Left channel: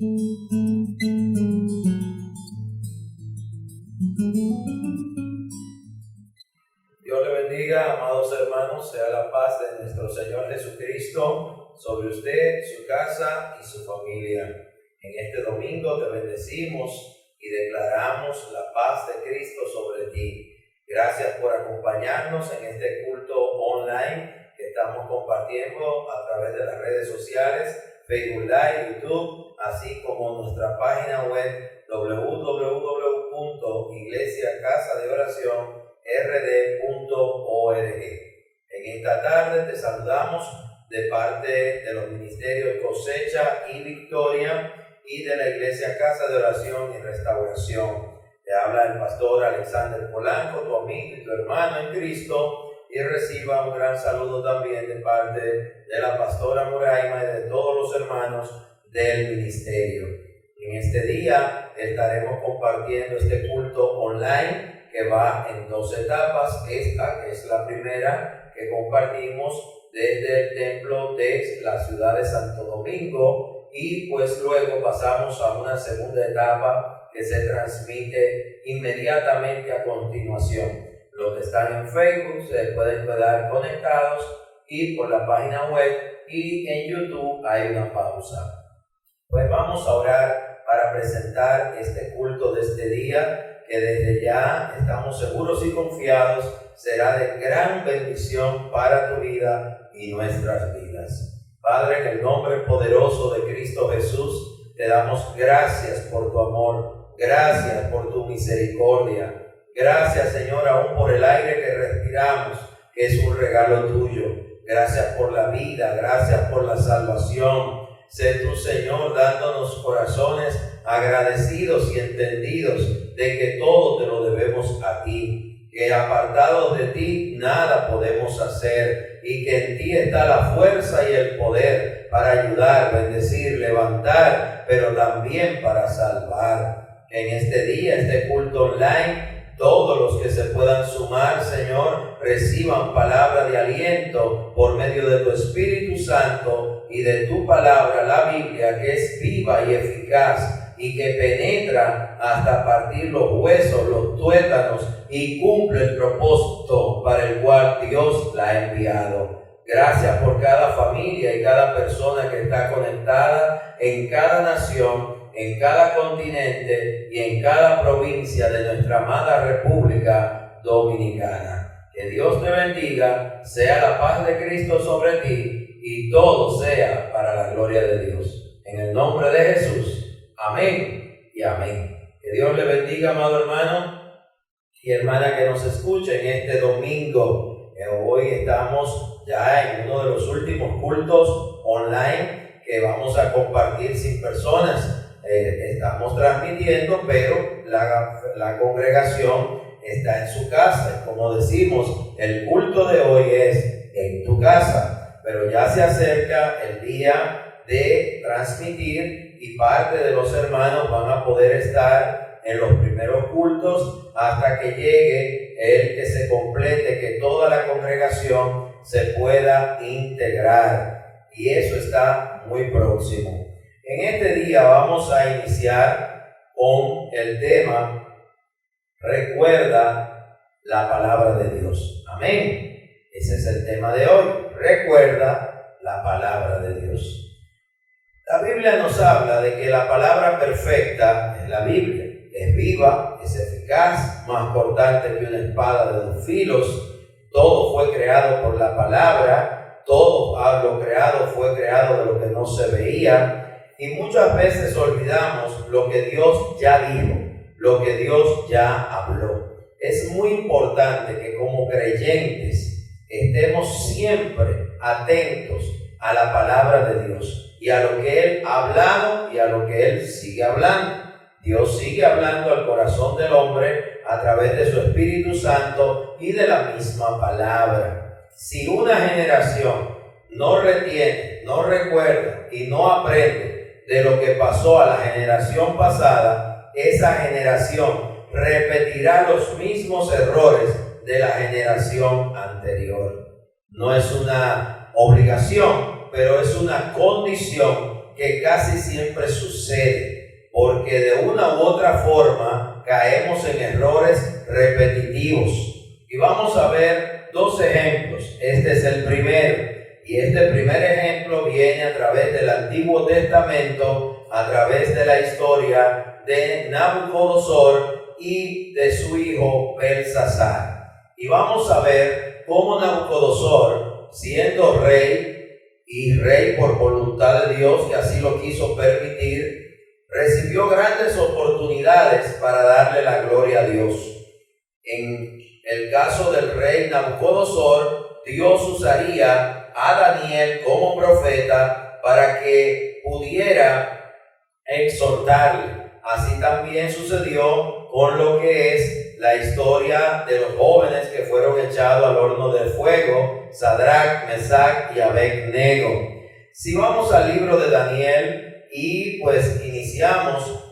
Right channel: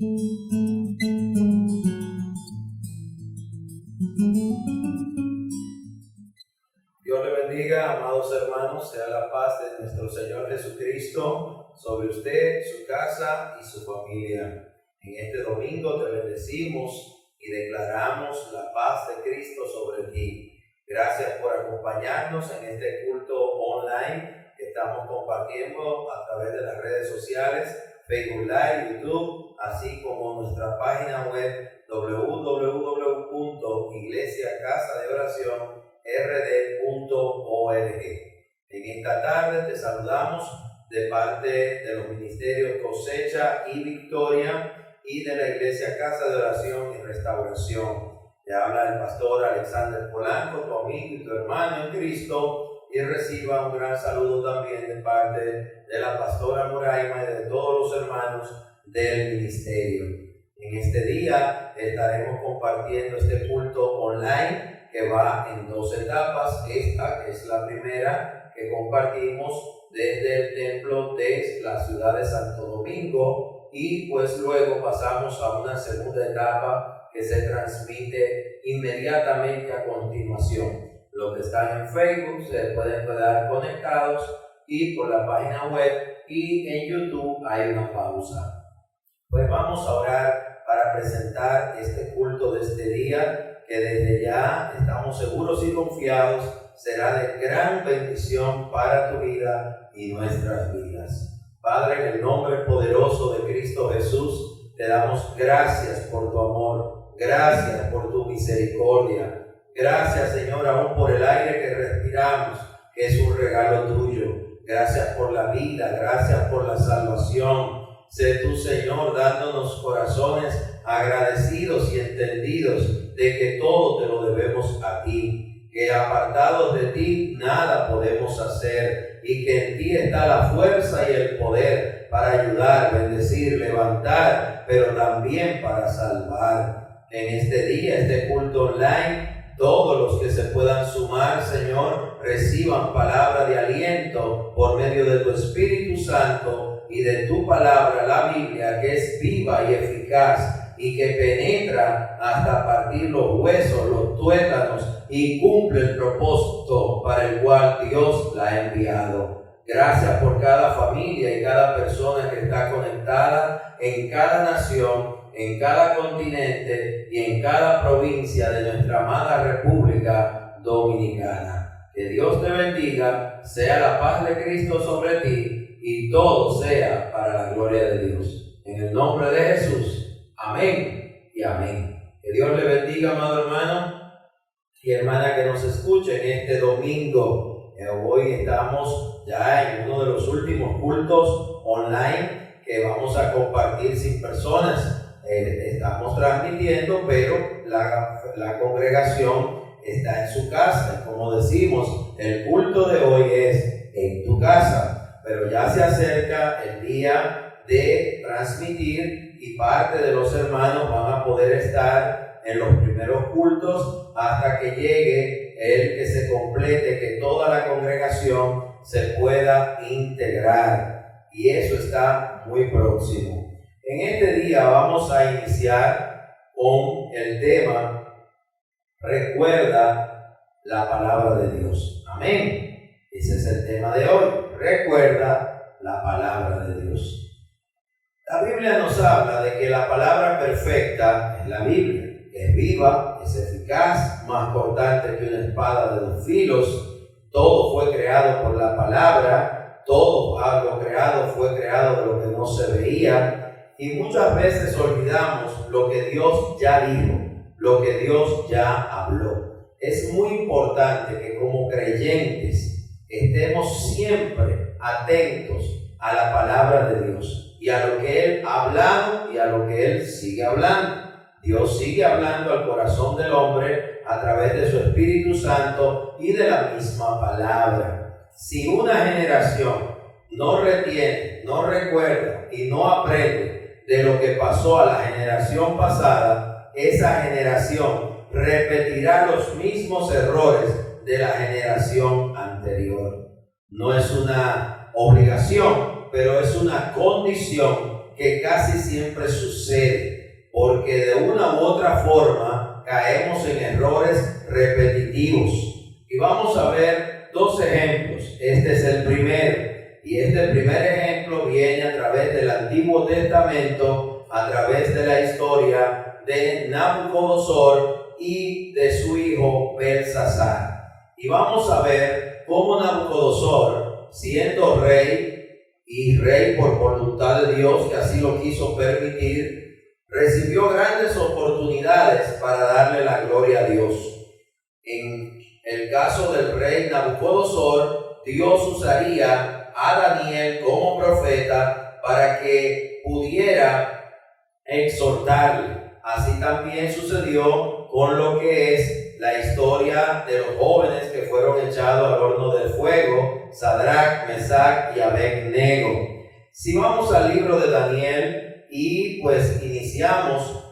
Dios le bendiga, amados hermanos, sea la paz de nuestro Señor Jesucristo sobre usted, su casa y su familia. En este domingo te bendecimos y declaramos la paz de Cristo sobre ti. Gracias por acompañarnos en este culto online que estamos compartiendo a través de las redes sociales, Facebook Live, YouTube, así como nuestra página web www.iglesiacasadeoracion.rd.org. En esta tarde te saludamos de parte de los ministerios Cosecha y Victoria y de la Iglesia Casa de Oración y Restauración. Te habla el pastor Alexander Polanco, tu amigo y tu hermano en Cristo, y reciba un gran saludo también de parte de la pastora Moraima y de todos los hermanos del ministerio. En este día estaremos compartiendo este culto online que va en 2 etapas. Esta es la primera que compartimos desde el templo de la ciudad de Santo Domingo, y pues luego pasamos a una segunda etapa que se transmite inmediatamente a continuación. Los que están en Facebook se pueden quedar conectados y por la página web, y en YouTube hay una pausa. Pues vamos a orar para presentar este culto de este día, que desde ya estamos seguros y confiados será de gran bendición para tu vida y nuestras vidas. Padre, en el nombre poderoso de Cristo Jesús, te damos gracias por tu amor, gracias por tu misericordia. Gracias, Señor, aún por el aire que respiramos, que es un regalo tuyo. Gracias por la vida, gracias por la salvación. Sé tú, Señor, dándonos corazones agradecidos y entendidos de que todo te lo debemos a ti, que apartados de ti nada podemos hacer, y que en ti está la fuerza y el poder para ayudar, bendecir, levantar, pero también para salvar. En este día, este culto online, todos los que se puedan sumar, Señor, reciban palabra de aliento por medio de tu Espíritu Santo y de tu palabra, la Biblia, que es viva y eficaz y que penetra hasta partir los huesos, los tuétanos, y cumple el propósito para el cual Dios la ha enviado. Gracias por cada familia y cada persona que está conectada en cada nación, en cada continente y en cada provincia de nuestra amada República Dominicana. Que Dios te bendiga, sea la paz de Cristo sobre ti y todo sea para la gloria de Dios. En el nombre de Jesús, amén y amén. Que Dios le bendiga, amado hermano y hermana que nos escuche en este domingo. Hoy estamos ya en uno de los últimos cultos online que vamos a compartir sin personas. Estamos transmitiendo, pero la congregación está en su casa. Como decimos, el culto de hoy es en tu casa, pero ya se acerca el día de transmitir y parte de los hermanos van a poder estar en los primeros cultos hasta que llegue el que se complete, que toda la congregación se pueda integrar, y eso está muy próximo. En este día vamos a iniciar con el tema Recuerda la palabra de Dios. Amén. Ese es el tema de hoy. Recuerda la palabra de Dios. La Biblia nos habla de que la palabra perfecta es la Biblia. Es viva, es eficaz, más cortante que una espada de 2 filos. Todo fue creado por la palabra. Todo lo creado fue creado de lo que no se veía. Y muchas veces olvidamos lo que Dios ya dijo, lo que Dios ya habló. Es muy importante que como creyentes estemos siempre atentos a la palabra de Dios y a lo que Él ha hablado y a lo que Él sigue hablando. Dios sigue hablando al corazón del hombre a través de su Espíritu Santo y de la misma palabra. Si una generación no retiene, no recuerda y no aprende de lo que pasó a la generación pasada, esa generación repetirá los mismos errores de la generación anterior. No es una obligación, pero es una condición que casi siempre sucede, porque de una u otra forma caemos en errores repetitivos. Y vamos a ver dos ejemplos. Este es el primero. Y este primer ejemplo viene a través del Antiguo Testamento, a través de la historia de Nabucodonosor y de su hijo Belsasar. Y vamos a ver cómo Nabucodonosor, siendo rey y rey por voluntad de Dios, que así lo quiso permitir, recibió grandes oportunidades para darle la gloria a Dios. En el caso del rey Nabucodonosor, Dios usaría a Daniel como profeta para que pudiera exhortarle. Así también sucedió con lo que es la historia de los jóvenes que fueron echados al horno del fuego, Sadrach, Mesach y Abed-nego. Si vamos al libro de Daniel y pues iniciamos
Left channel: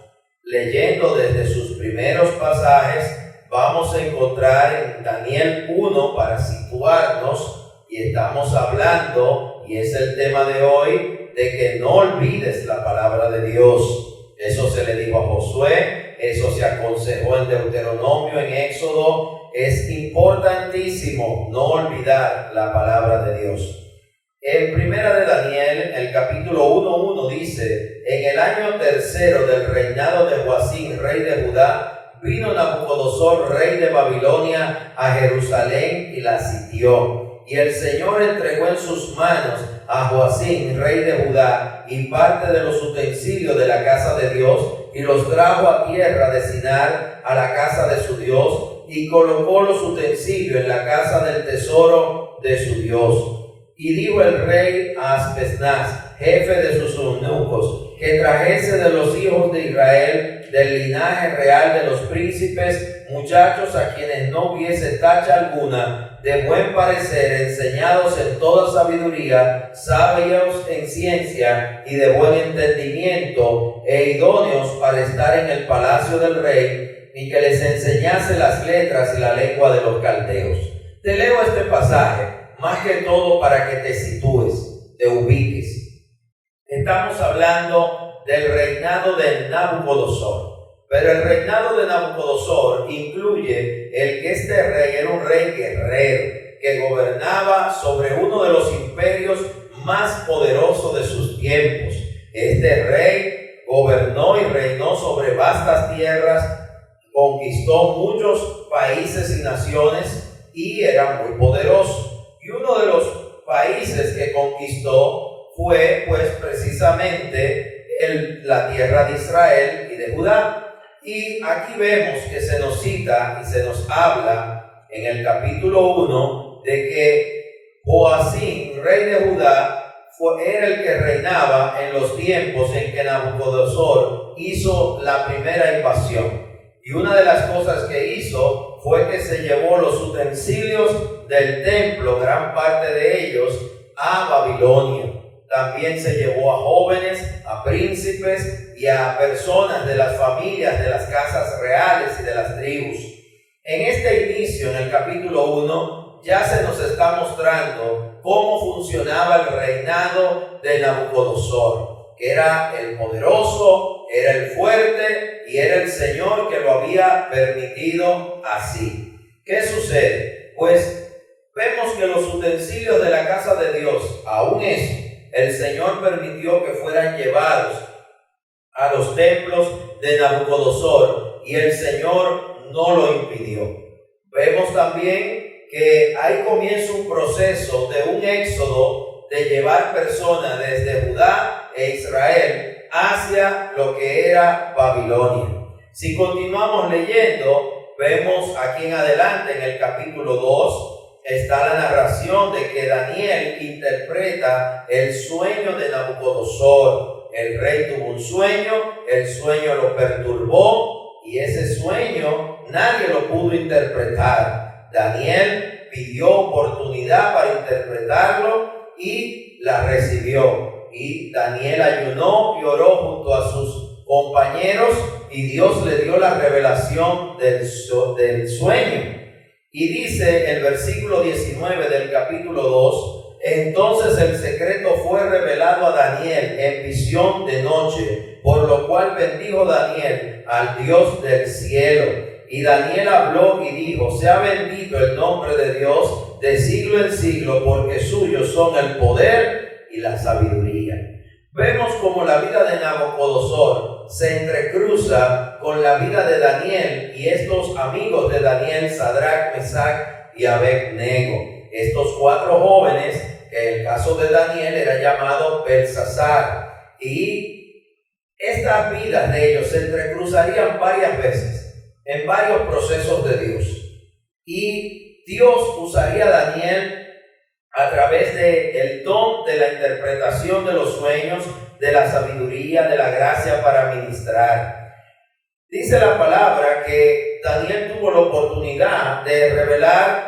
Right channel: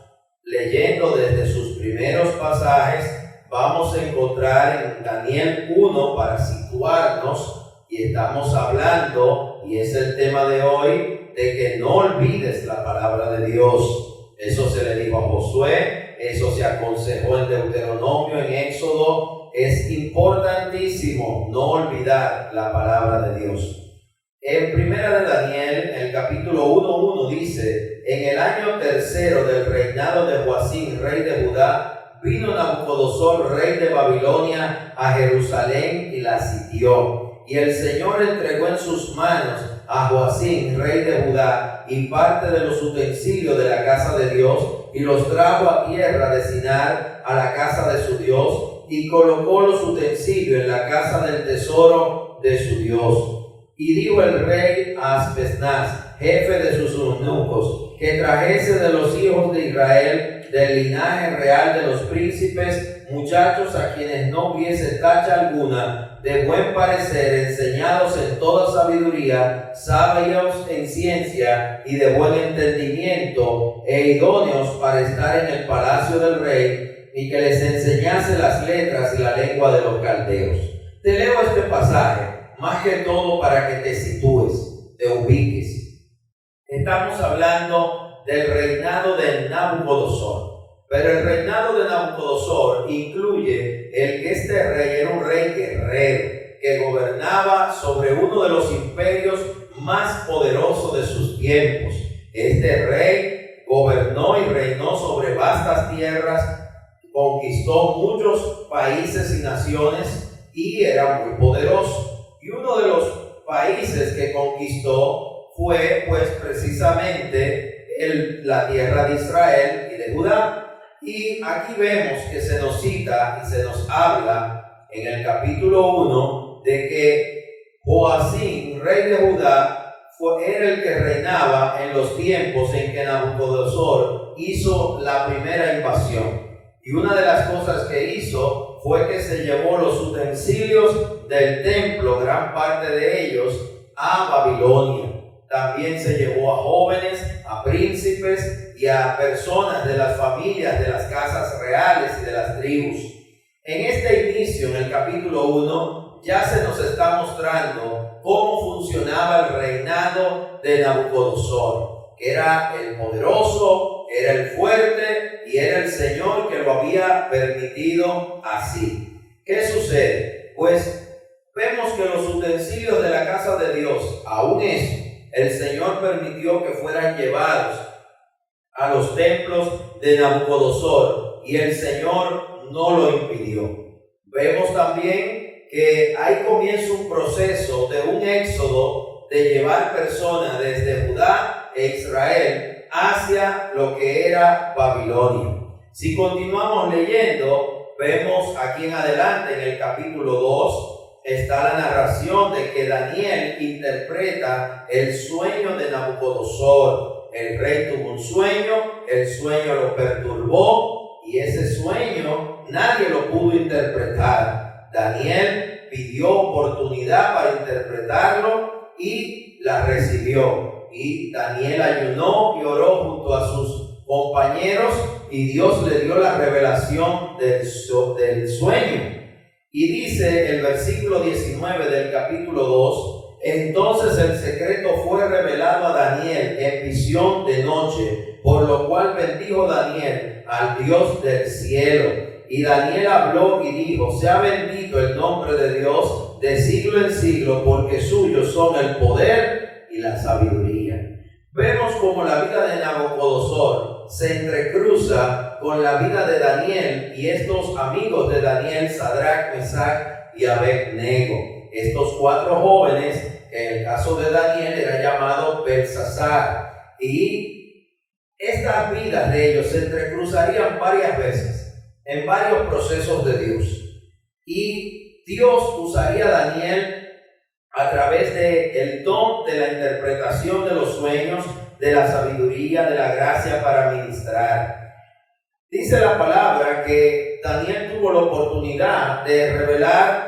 leyendo desde sus primeros pasajes, vamos a encontrar en Daniel 1 para situarnos, y estamos hablando, y es el tema de hoy, de que no olvides la palabra de Dios. Eso se le dijo a Josué, eso se aconsejó en Deuteronomio, en Éxodo. Es importantísimo no olvidar la palabra de Dios. En primera de Daniel, el capítulo 1:1 dice: en el año tercero del reinado de Joacim, rey de Judá, vino Nabucodonosor, rey de Babilonia, a Jerusalén y la sitió. Y el Señor entregó en sus manos a Joacim, rey de Judá, y parte de los utensilios de la casa de Dios, y los trajo a tierra de Sinar, a la casa de su Dios, y colocó los utensilios en la casa del tesoro de su Dios. Y dijo el rey a Aspenaz, jefe de sus eunucos, que trajese de los hijos de Israel, del linaje real de los príncipes, muchachos a quienes no hubiese tacha alguna, de buen parecer, enseñados en toda sabiduría, sabios en ciencia y de buen entendimiento, e idóneos para estar en el palacio del rey, y que les enseñase las letras y la lengua de los caldeos. Te leo este pasaje, más que todo para que te sitúes, te ubiques. Estamos hablando del reinado de Nabucodonosor. Pero el reinado de Nabucodonosor incluye el que este rey era un rey guerrero, que gobernaba sobre uno de los imperios más poderosos de sus tiempos. Este rey gobernó y reinó sobre vastas tierras, conquistó muchos países y naciones y era muy poderoso. Y uno de los países que conquistó fue pues precisamente la tierra de Israel y de Judá. Y aquí vemos que se nos cita y se nos habla en el capítulo 1 de que Joacim, rey de Judá, era el que reinaba en los tiempos en que Nabucodonosor hizo la primera invasión. Y una de las cosas que hizo fue que se llevó los utensilios del templo, gran parte de ellos, a Babilonia. También se llevó a jóvenes, a príncipes y a personas de las familias de las casas reales y de las tribus. En este inicio, en el capítulo 1, ya se nos está mostrando cómo funcionaba el reinado de Nabucodonosor, que era el poderoso, era el fuerte y era el Señor que lo había permitido así. ¿Qué sucede? Pues vemos que los utensilios de la casa de Dios, aún eso, el Señor permitió que fueran llevados a los templos de Nabucodonosor y el Señor no lo impidió. Vemos también que ahí comienza un proceso de un éxodo de llevar personas desde Judá e Israel hacia lo que era Babilonia. Si continuamos leyendo, vemos aquí en adelante en el capítulo 2 está la narración de que Daniel interpreta el sueño de Nabucodonosor. El rey tuvo un sueño, el sueño lo perturbó y ese sueño nadie lo pudo interpretar. Daniel pidió oportunidad para interpretarlo y la recibió. Y Daniel ayunó y oró junto a sus compañeros y Dios le dio la revelación del sueño. Y dice el versículo 19 del capítulo 2, Entonces el secreto fue revelado a Daniel en visión de noche, por lo cual bendijo Daniel al Dios del cielo. Y Daniel habló y dijo: sea bendito el nombre de Dios de siglo en siglo, porque suyos son el poder y la sabiduría. Vemos como la vida de Nabucodonosor se entrecruza con la vida de Daniel y estos amigos de Daniel, Sadrach, Mesach y Abed-nego. Estos 4 jóvenes, que en el caso de Daniel era llamado Belsasar, y estas vidas de ellos se entrecruzarían varias veces en varios procesos de Dios, y Dios usaría a Daniel a través del don de la interpretación de los sueños, de la sabiduría, de la gracia para ministrar. Dice la palabra que Daniel tuvo la oportunidad de revelar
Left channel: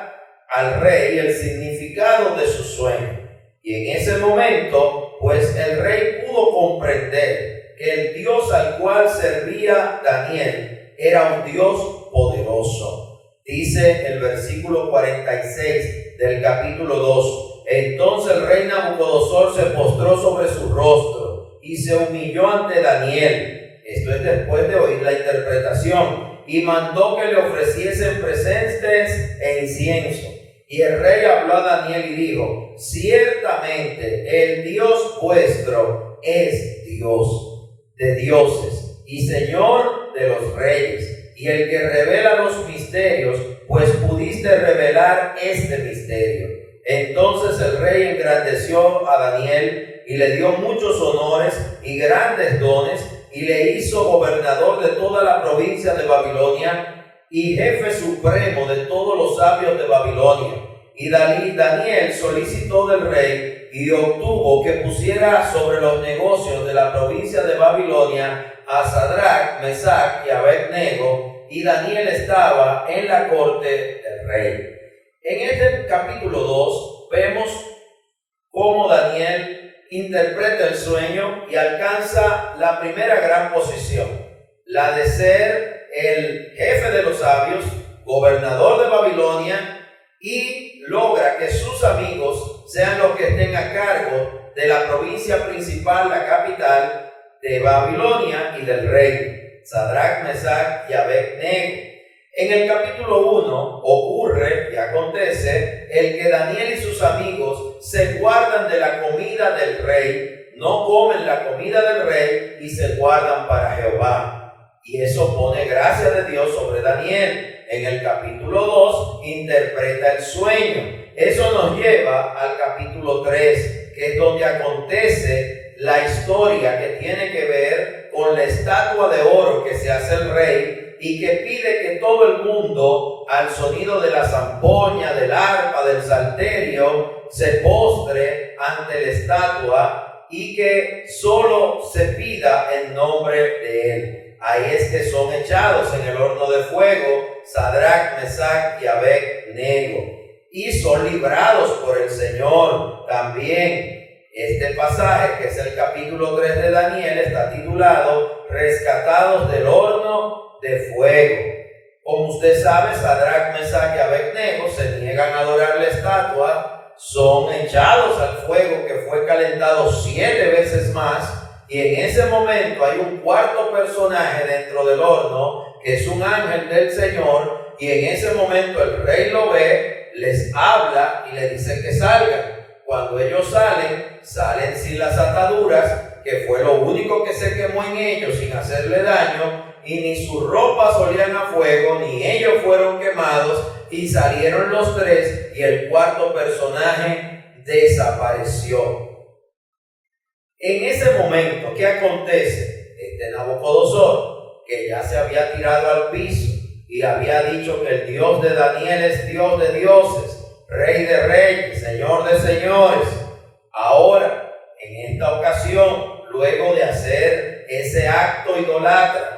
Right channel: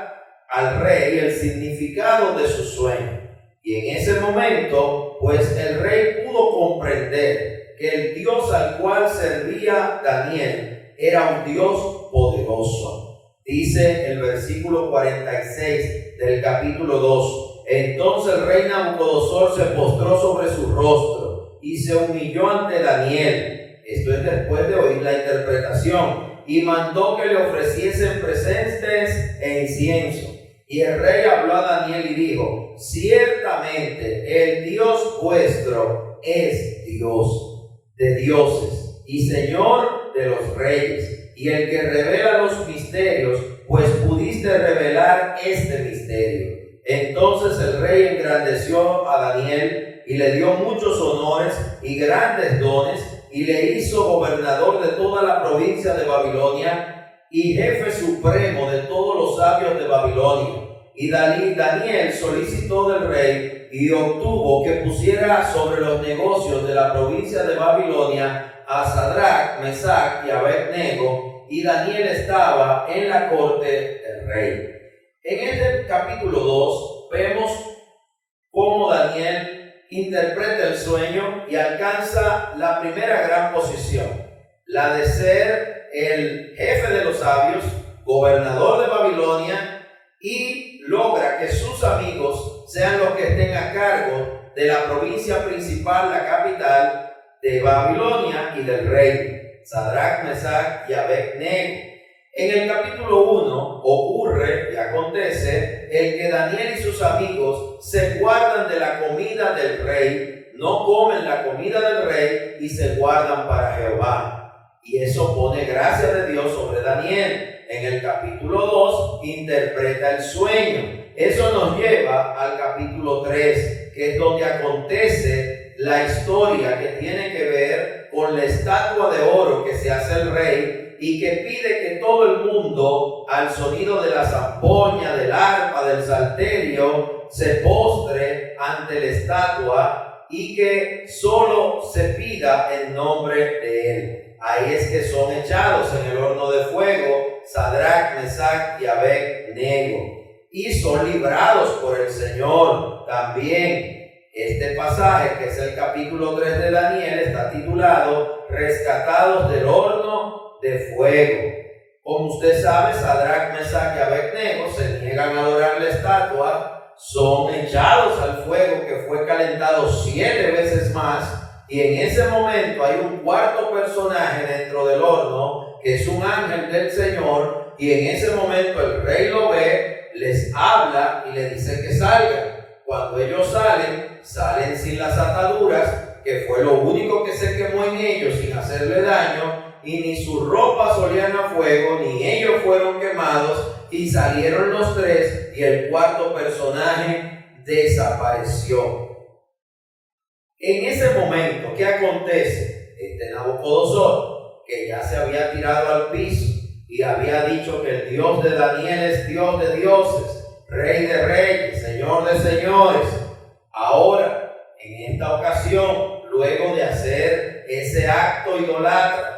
al rey el significado de su sueño. Y en ese momento, pues el rey pudo comprender que el Dios al cual servía Daniel era un Dios poderoso. Dice el versículo 46 del capítulo 2: entonces el rey Nabucodonosor se postró sobre su rostro y se humilló ante Daniel. Esto es después de oír la interpretación, y mandó que le ofreciesen presentes e incienso. Y el rey habló a Daniel y dijo: ciertamente el Dios vuestro es Dios de dioses y Señor de los reyes, y el que revela los misterios, pues pudiste revelar este misterio. Entonces el rey engrandeció a Daniel y le dio muchos honores y grandes dones, y le hizo gobernador de toda la provincia de Babilonia y jefe supremo de todos los sabios de Babilonia. Y Daniel solicitó del rey y obtuvo que pusiera sobre los negocios de la provincia de Babilonia a Sadrach, Mesach y Abed-nego, y Daniel estaba en la corte del rey. En este capítulo 2 vemos cómo Daniel interpreta el sueño y alcanza la primera gran posición, la de ser el jefe de los sabios, gobernador de Babilonia, y logra que sus amigos sean los que estén a cargo de la provincia principal, la capital de Babilonia y del rey, Sadrach, Mesach y Abed-nego. En el capítulo 1 ocurre y acontece el que Daniel y sus amigos se guardan de la comida del rey, no comen la comida del rey y se guardan para Jehová. Y eso pone gracia de Dios sobre Daniel. En el capítulo 2 interpreta el sueño. Eso nos lleva al capítulo 3, que es donde acontece la historia que tiene que ver con la estatua de oro que se hace el rey y que pide que todo el mundo, al sonido de la zampoña, del arpa, del salterio, se postre ante la estatua y que solo se pida el nombre de él. Ahí es que son echados en el horno de fuego Sadrach, Mesach y Abed-nego, y son librados por el Señor. También este pasaje, que es el capítulo 3 de Daniel, está titulado Rescatados del horno de fuego. Como usted sabe, Sadrach, Mesach y Abed-nego se niegan a adorar la estatua, son echados al fuego que fue calentado 7 veces más. Y en ese momento hay un cuarto personaje dentro del horno, que es un ángel del Señor, y en ese momento el rey lo ve, les habla y le dice que salgan. Cuando ellos salen sin las ataduras, que fue lo único que se quemó en ellos sin hacerle daño, y ni sus ropas olían a fuego, ni ellos fueron quemados, y salieron los 3, y el cuarto personaje desapareció. En ese momento, ¿qué acontece? Nabucodonosor, que ya se había tirado al piso y había dicho que el Dios de Daniel es Dios de dioses, Rey de reyes, Señor de señores. Ahora, en esta ocasión, luego de hacer ese acto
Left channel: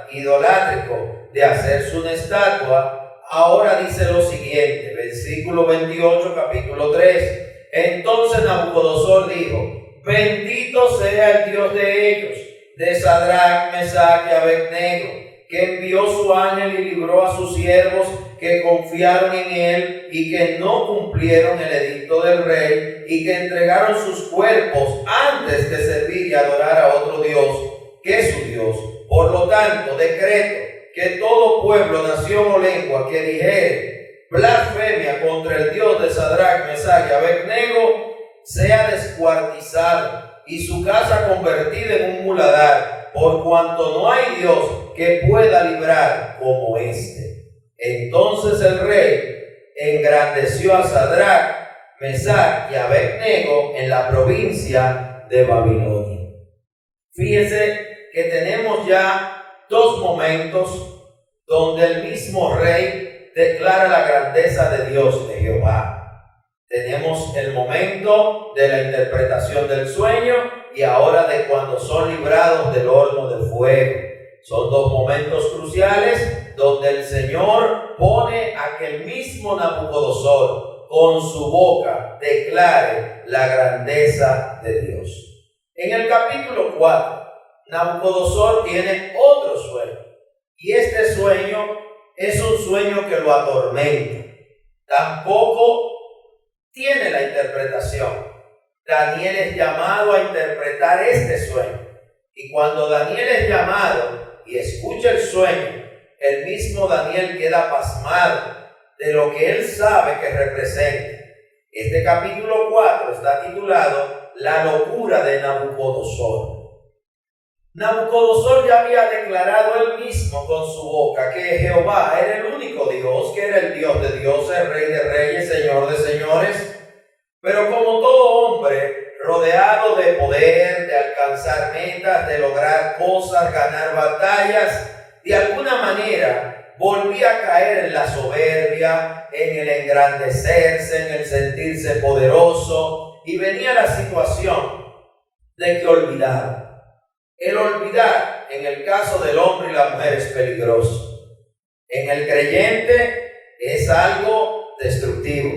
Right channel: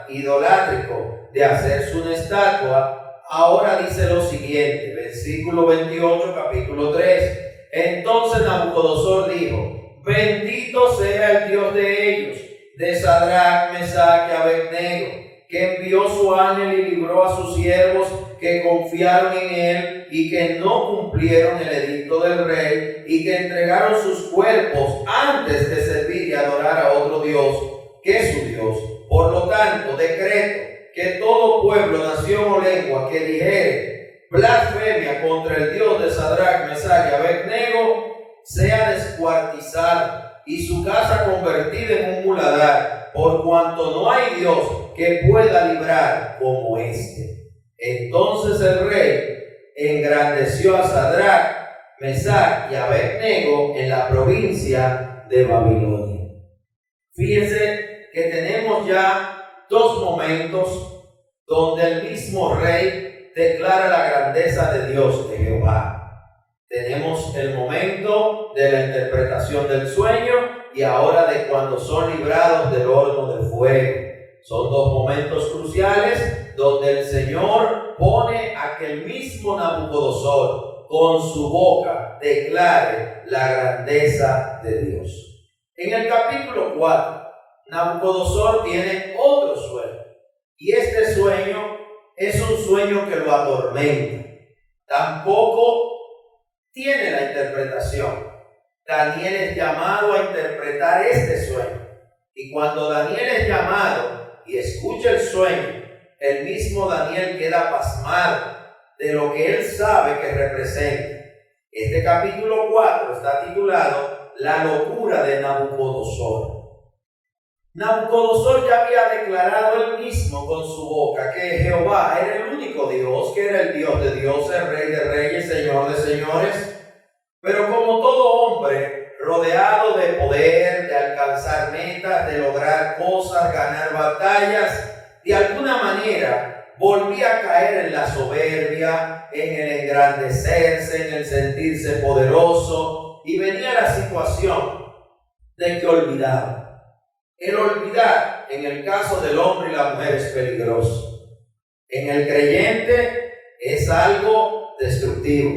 idolátrico de hacerse una estatua, ahora dice lo siguiente, versículo 28, capítulo 3. Entonces Nabucodonosor dijo: bendito sea el Dios de ellos, de Sadrach, Mesach y Abed-nego, que envió su ángel y libró a sus siervos que confiaron en él y que no cumplieron el edicto del rey y que entregaron sus cuerpos antes de servir y adorar a otro Dios que su Dios. Por lo tanto, decreto que todo pueblo, nación o lengua que dijere blasfemia contra el Dios de Sadrach, Mesach y Abed-Nego sea descuartizado y su casa convertida en un muladar, por cuanto no hay Dios que pueda librar como este. Entonces el rey engrandeció a Sadrach, Mesach y Abed-Nego en la provincia de Babilonia. Fíjense que tenemos ya dos momentos donde el mismo rey declara la grandeza de Dios, de Jehová. Tenemos el momento de la interpretación del sueño y ahora de cuando son librados del horno de fuego. Son dos momentos cruciales donde el Señor pone a que el mismo Nabucodonosor con su boca declare la grandeza de Dios. En el capítulo 4, Nabucodonosor tiene otro sueño y este sueño es un sueño que lo atormenta. Tampoco tiene la interpretación. Daniel es llamado a interpretar este sueño. Y cuando Daniel es llamado y escucha el sueño, el mismo Daniel queda pasmado de lo que él sabe que representa. Este capítulo 4 está titulado La locura de Nabucodonosor. Nabucodonosor ya había declarado él mismo con su boca que Jehová era el único Dios, que era el Dios de dioses, Rey de reyes, Señor de señores. Pero como todo hombre rodeado de poder, de alcanzar metas, de lograr cosas, ganar batallas, de alguna manera volvía a caer en la soberbia, en el engrandecerse, en el sentirse poderoso, y venía la situación de que olvidaba. El olvidar, en el caso del hombre y la mujer, es peligroso. En el creyente es algo destructivo.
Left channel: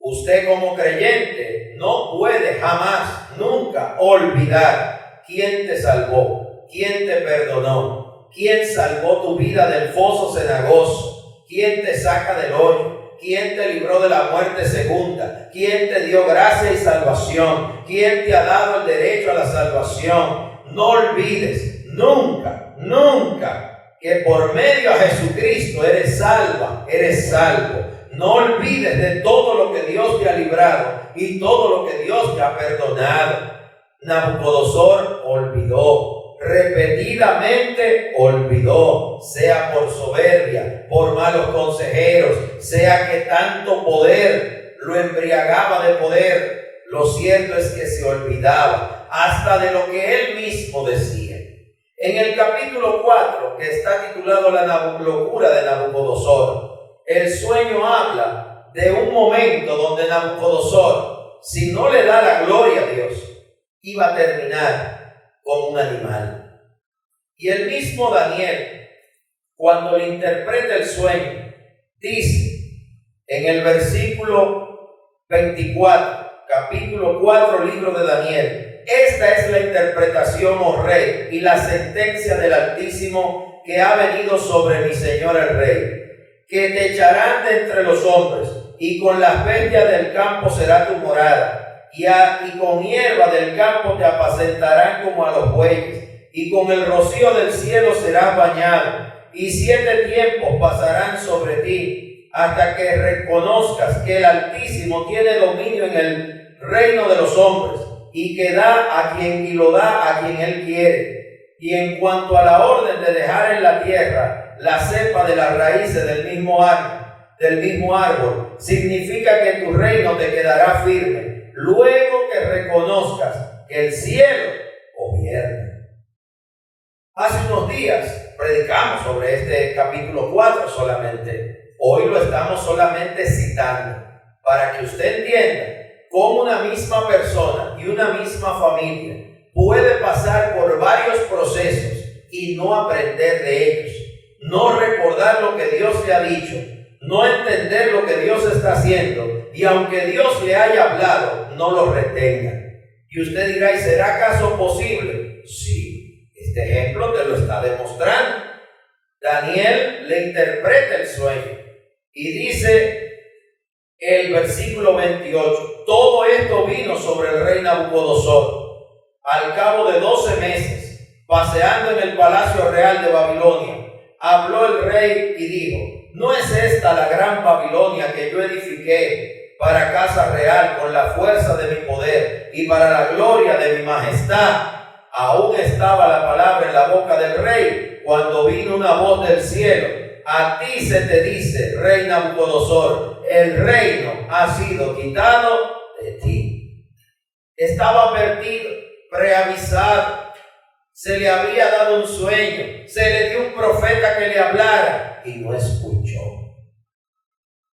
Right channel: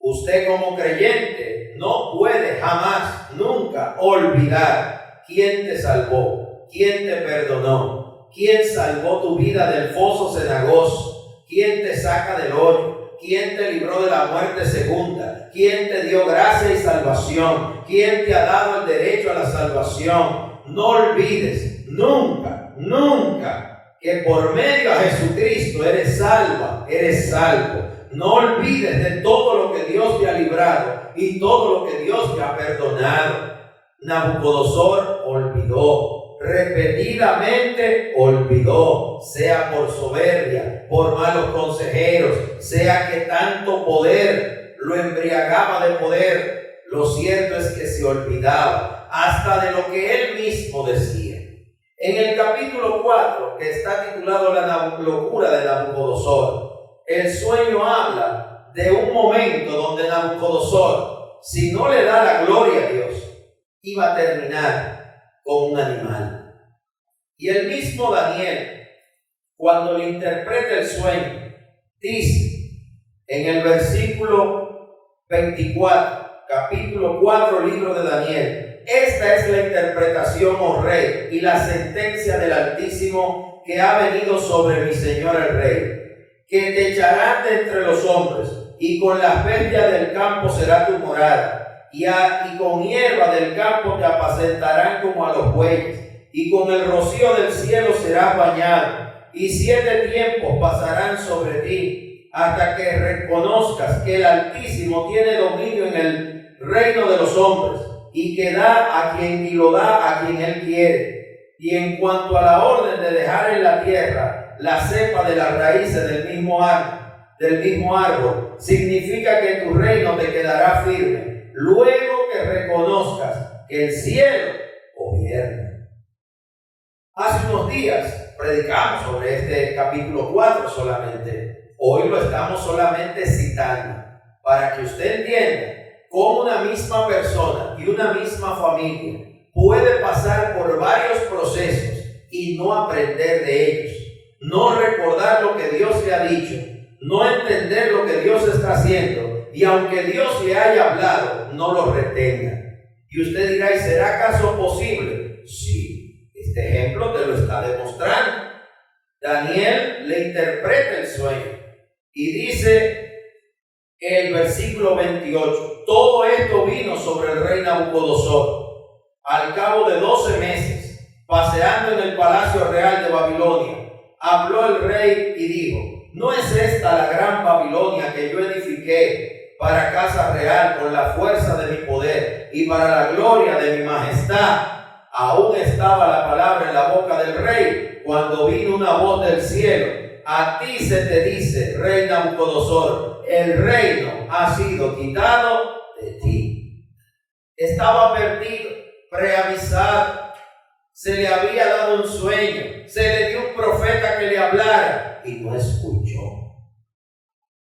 Usted como creyente no puede jamás, nunca olvidar quién te salvó, quién te perdonó, quién salvó tu vida del foso cenagoso, quién te saca del hoyo, quién te libró de la muerte segunda, quién te dio gracia y salvación, quién te ha dado el derecho a la salvación. No olvides nunca, nunca que por medio a Jesucristo eres salva, eres salvo. No olvides de todo lo que Dios te ha librado y todo lo que Dios te ha perdonado. Nabucodonosor olvidó, repetidamente olvidó, sea por soberbia, por malos consejeros, sea que tanto poder lo embriagaba de poder. Lo cierto es que se olvidaba hasta de lo que él mismo decía. En el capítulo 4, que está titulado La locura de Nabucodonosor, el sueño habla de un momento donde Nabucodonosor, si no le da la gloria a Dios, iba a terminar con un animal. Y el mismo Daniel, cuando le interpreta el sueño, dice en el versículo 24, capítulo 4, libro de Daniel: esta es la interpretación, oh rey, y la sentencia del Altísimo que ha venido sobre mi señor el rey, que te echarán de entre los hombres, y con las bestias del campo será tu morada, y con hierba del campo te apacentarán como a los bueyes, y con el rocío del cielo serás bañado, y 7 tiempos pasarán sobre ti, hasta que reconozcas que el Altísimo tiene dominio en el reino de los hombres, y que da a quien y lo da a quien él quiere. Y en cuanto a la orden de dejar en la tierra la cepa de las raíces del mismo árbol, significa que tu reino te quedará firme, luego que reconozcas que el cielo gobierna. Hace unos días predicamos sobre este capítulo 4 solamente. Hoy lo estamos solamente citando para que usted entienda cómo una misma persona y una misma familia puede pasar por varios procesos y no aprender de ellos, no recordar lo que Dios le ha dicho, no entender lo que Dios está haciendo, y aunque Dios le haya hablado, no lo retenga. Y usted dirá: ¿y será acaso posible? Sí, este ejemplo te lo está demostrando. Daniel le interpreta el sueño Y dice el versículo 28, todo esto vino sobre el rey Nabucodonosor. Al cabo de 12 meses, paseando en el palacio real de Babilonia, habló el rey y dijo: ¿no es esta la gran Babilonia que yo edifiqué para casa real con la fuerza de mi poder y para la gloria de mi majestad? Aún estaba la palabra en la boca del rey cuando vino una voz del cielo: a ti se te dice, rey Nabucodonosor, el reino ha sido quitado de ti. Estaba perdido, preavisado. Se le había dado un sueño, se le dio un profeta que le hablara y no escuchó.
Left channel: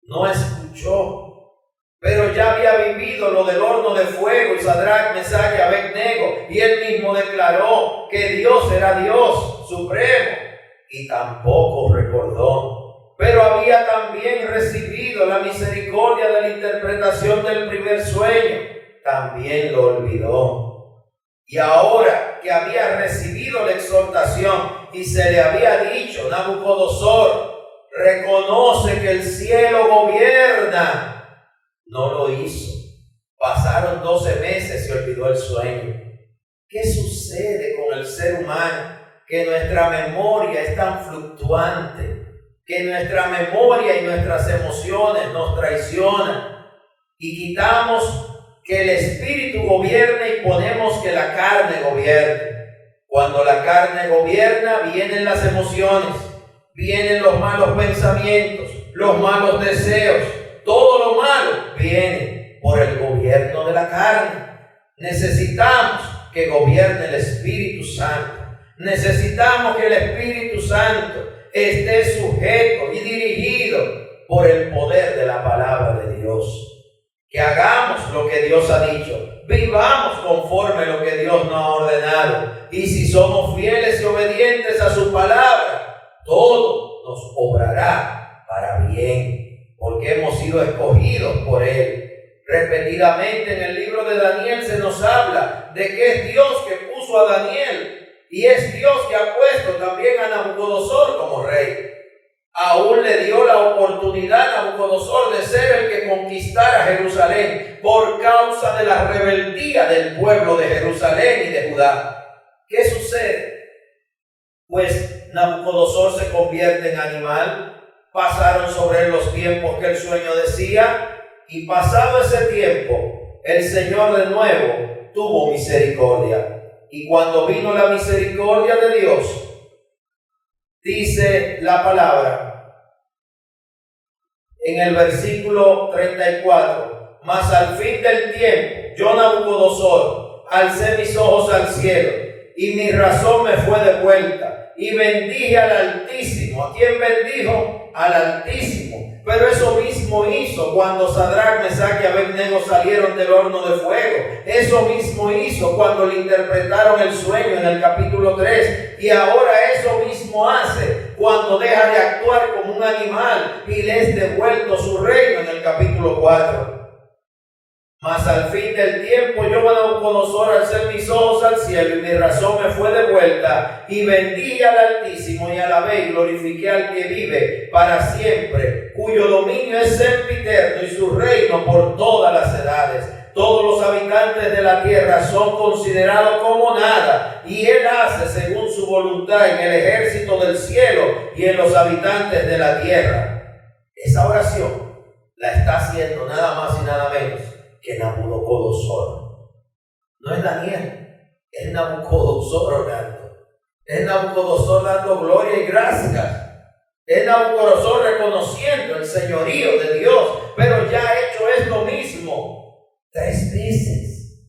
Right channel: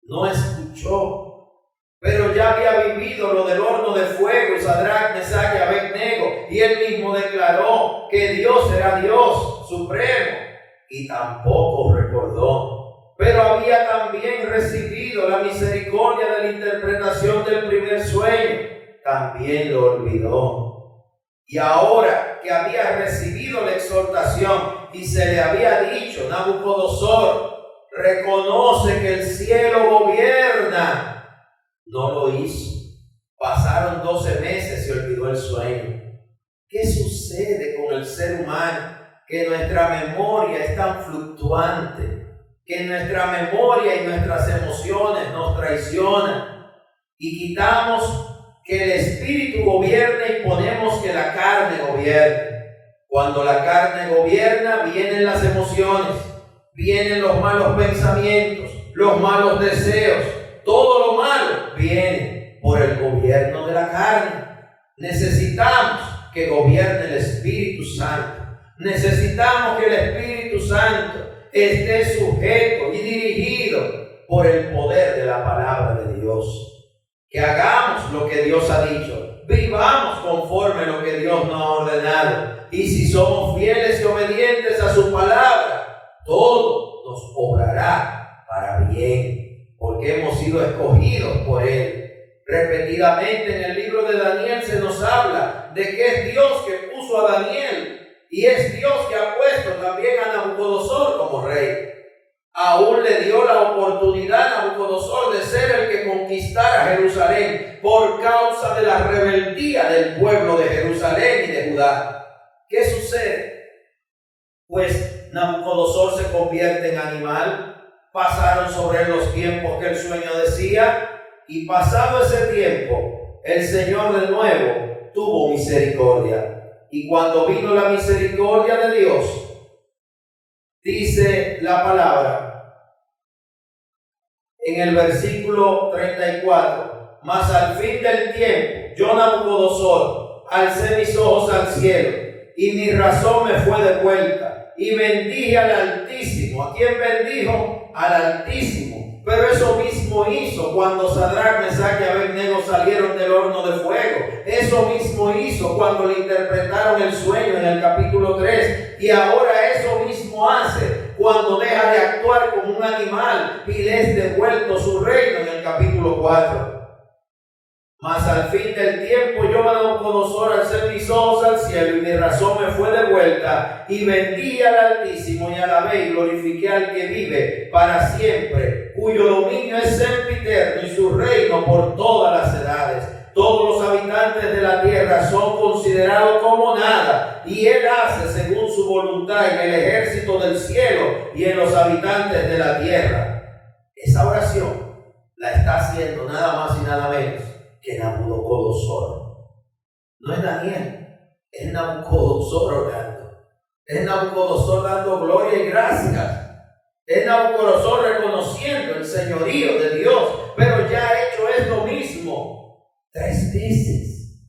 No escuchó. Pero ya había vivido lo del horno de fuego y Sadrach, Mesach y Abednego, y él mismo declaró que Dios era Dios supremo y tampoco recordó. Pero había también recibido la misericordia de la interpretación del primer sueño, también lo olvidó. Y ahora que había recibido la exhortación y se le había dicho: Nabucodonosor, reconoce que el cielo gobierna, no lo hizo. Pasaron 12 meses y olvidó el sueño. ¿Qué sucede con el ser humano? Que nuestra memoria es tan fluctuante, que nuestra memoria y nuestras emociones nos traicionan y quitamos que el espíritu gobierne y ponemos que la carne gobierne. Cuando la carne gobierna, vienen las emociones, vienen los malos pensamientos, los malos deseos, todo lo malo viene por el gobierno de la carne. Necesitamos que gobierne el Espíritu Santo. Necesitamos que el Espíritu Santo esté sujeto y dirigido por el poder de la palabra de Dios. Que hagamos lo que Dios ha dicho, vivamos conforme a lo que Dios nos ha ordenado. Y si somos fieles y obedientes a su palabra, todo nos obrará para bien, porque hemos sido escogidos por Él. Repetidamente en el libro de Daniel se nos habla de que es Dios que puso a Daniel y es Dios que ha puesto también a Nabucodonosor como rey. Aún le dio la oportunidad a Nabucodonosor de ser el que conquistara Jerusalén por causa de la rebeldía del pueblo de Jerusalén y de Judá. ¿Qué sucede? Pues Nabucodonosor se convierte en animal. Pasaron sobre él los tiempos que el sueño decía, y pasado ese tiempo, el Señor de nuevo tuvo misericordia. Y cuando vino la misericordia de Dios, dice la palabra en el versículo 34: mas al fin del tiempo, yo Nabucodonosor alcé mis ojos al cielo, y mi razón me fue devuelta, y bendije al Altísimo. ¿A quién bendijo? Al Altísimo. Pero eso mismo hizo cuando Sadrach, Mesach y Abednego salieron del horno de fuego. Eso mismo hizo cuando le interpretaron el sueño en el capítulo 3. Y ahora eso mismo hace cuando deja de actuar como un animal y le es devuelto su reino en el capítulo 4. Mas al fin del tiempo yo, Nabucodonosor, alcé mis ojos al cielo y mi razón me fue devuelta, y bendije al Altísimo y alabé y glorifiqué al que vive para siempre, cuyo dominio es sempiterno y su reino por todas las edades. Todos los habitantes de la tierra son considerados como nada, y Él hace según su voluntad en el ejército del cielo y en los habitantes de la tierra. Esa oración la está haciendo nada más y nada menos que Nabucodonosor. No es Daniel, es Nabucodonosor orando. Es Nabucodonosor dando gloria y gracias. Es Nabucodonosor reconociendo el señorío de Dios, pero ya ha hecho esto mismo 3 veces.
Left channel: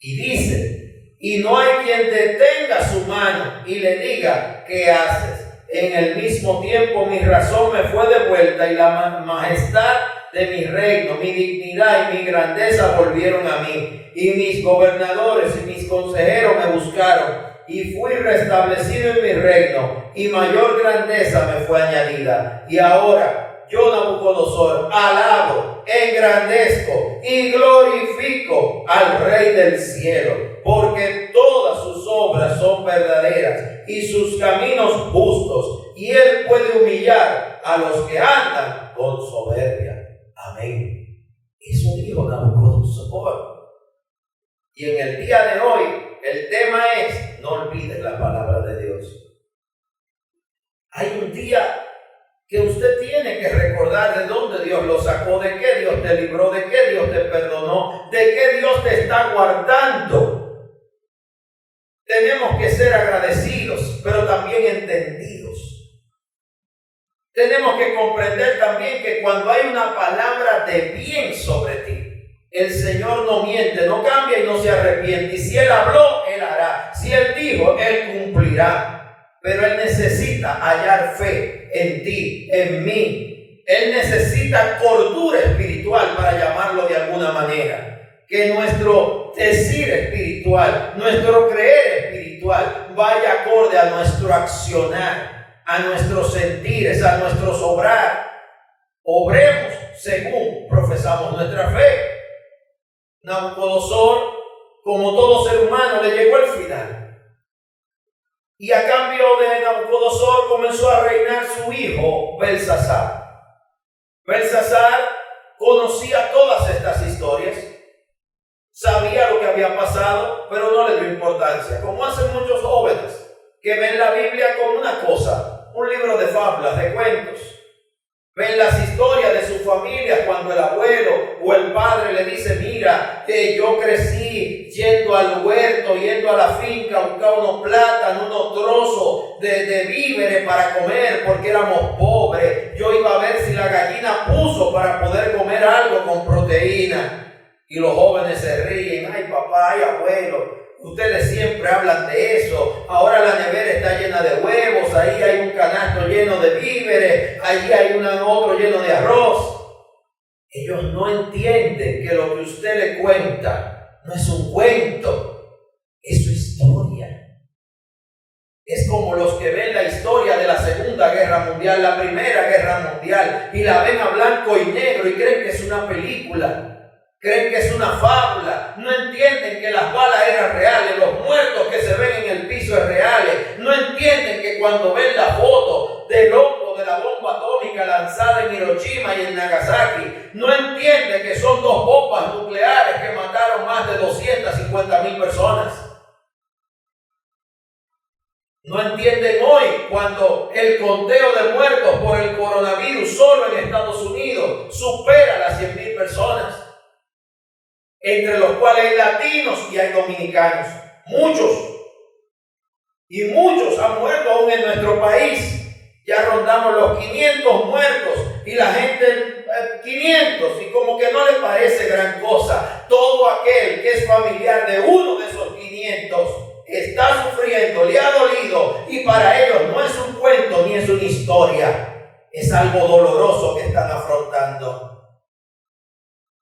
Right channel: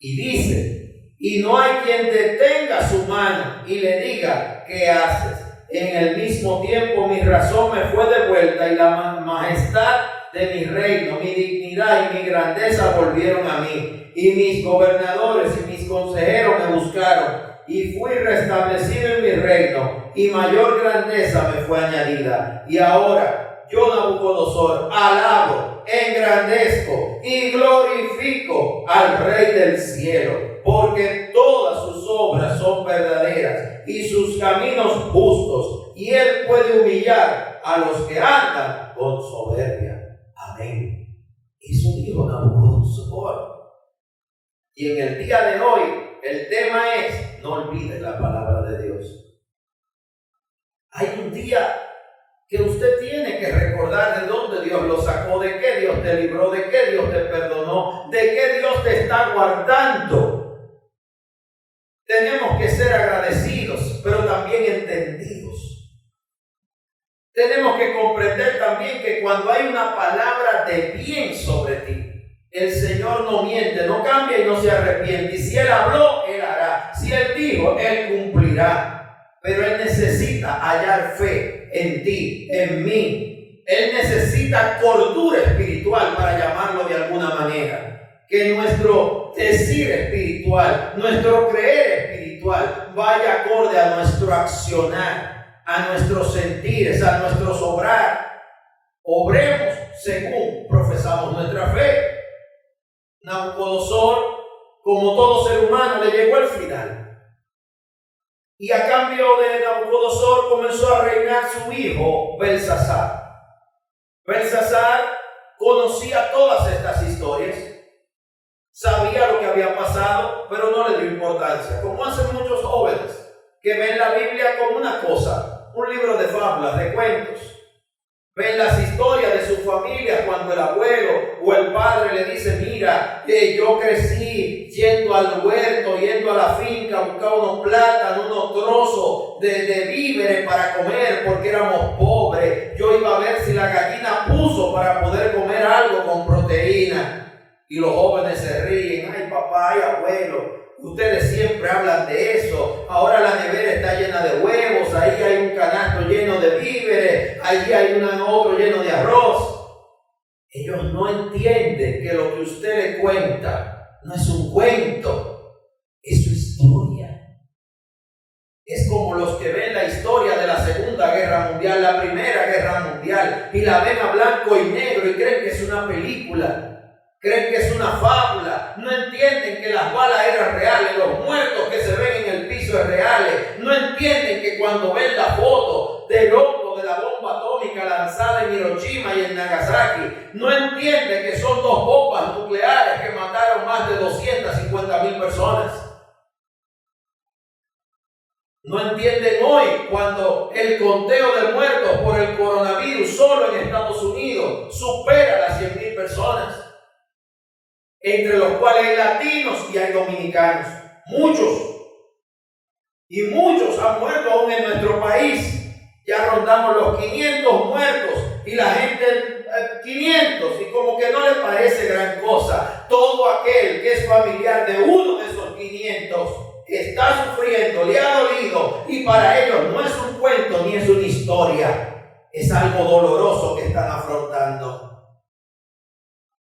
Y dice: y no hay quien detenga su mano y le diga: ¿qué haces? En el mismo tiempo mi razón me fue devuelta y la majestad de mi reino, mi dignidad y mi grandeza volvieron a mí, y mis gobernadores y mis consejeros me buscaron, y fui restablecido en mi reino, y mayor grandeza me fue añadida. Y ahora yo, Nabucodonosor, alabo, engrandezco y glorifico al Rey del cielo, porque todas sus obras son verdaderas y sus caminos justos, y él puede humillar a los que andan con soberbia. Amén. Eso dijo Nabucodonosor. Y en el día de hoy, el tema es: no olvides la palabra de Dios. Hay un día que usted tiene que recordar de dónde Dios lo sacó, de qué Dios te libró, de qué Dios te perdonó, de qué Dios te está guardando. Tenemos que ser agradecidos, pero también entendidos. Tenemos que comprender también que cuando hay una palabra de bien sobre ti, el Señor no miente, no cambia y no se arrepiente. Y si Él habló, Él hará. Si Él dijo, Él cumplirá. Pero Él necesita hallar fe en ti, en mí. Él necesita cordura espiritual, para llamarlo de alguna manera. Que nuestro decir espiritual, nuestro creer espiritual, vaya acorde a nuestro accionar, a nuestros sentires, a nuestro obrar. Obremos según profesamos nuestra fe. Nabucodonosor, como todo ser humano, le llegó el final. Y a cambio de Nabucodonosor comenzó a reinar su hijo Belsasar. Belsasar conocía todas estas historias, sabía lo que había pasado, pero no le dio importancia, como hacen muchos jóvenes que ven la Biblia como una cosa, un libro de fábulas, de cuentos. Ven las historias de su familia cuando el abuelo o el padre le dice: mira, yo crecí yendo al huerto, yendo a la finca, buscaba unos plátanos, unos trozos de víveres para comer porque éramos pobres. Yo iba a ver si la gallina puso para poder comer algo con proteína. Y los jóvenes se ríen: ay papá, ay abuelo, ustedes siempre hablan de eso. Ahora la nevera está llena de huevos, ahí hay un canasto lleno de víveres, allí hay otro lleno de arroz. Ellos no entienden que lo que usted le cuenta no es un cuento, es su historia. Es como los que ven la historia de la Segunda Guerra Mundial, la Primera Guerra Mundial, y la ven a blanco y negro y creen que es una película. Creen que es una fábula, no entienden que las balas eran reales, los muertos que se ven en el piso es reales, no entienden que cuando ven la foto del hongo de la bomba atómica lanzada en Hiroshima y en Nagasaki, no entienden que son 2 bombas nucleares que mataron más de 250,000 personas. No entienden hoy cuando el conteo de muertos por el coronavirus solo en Estados Unidos supera las 100,000 personas. Entre los cuales hay latinos y hay dominicanos, muchos, y muchos han muerto aún en nuestro país. Ya rondamos los 500 muertos y la gente 500, y como que no le parece gran cosa. Todo aquel que es familiar de uno de esos 500 está sufriendo, le ha dolido, y para ellos no es un cuento ni es una historia, es algo doloroso que están afrontando.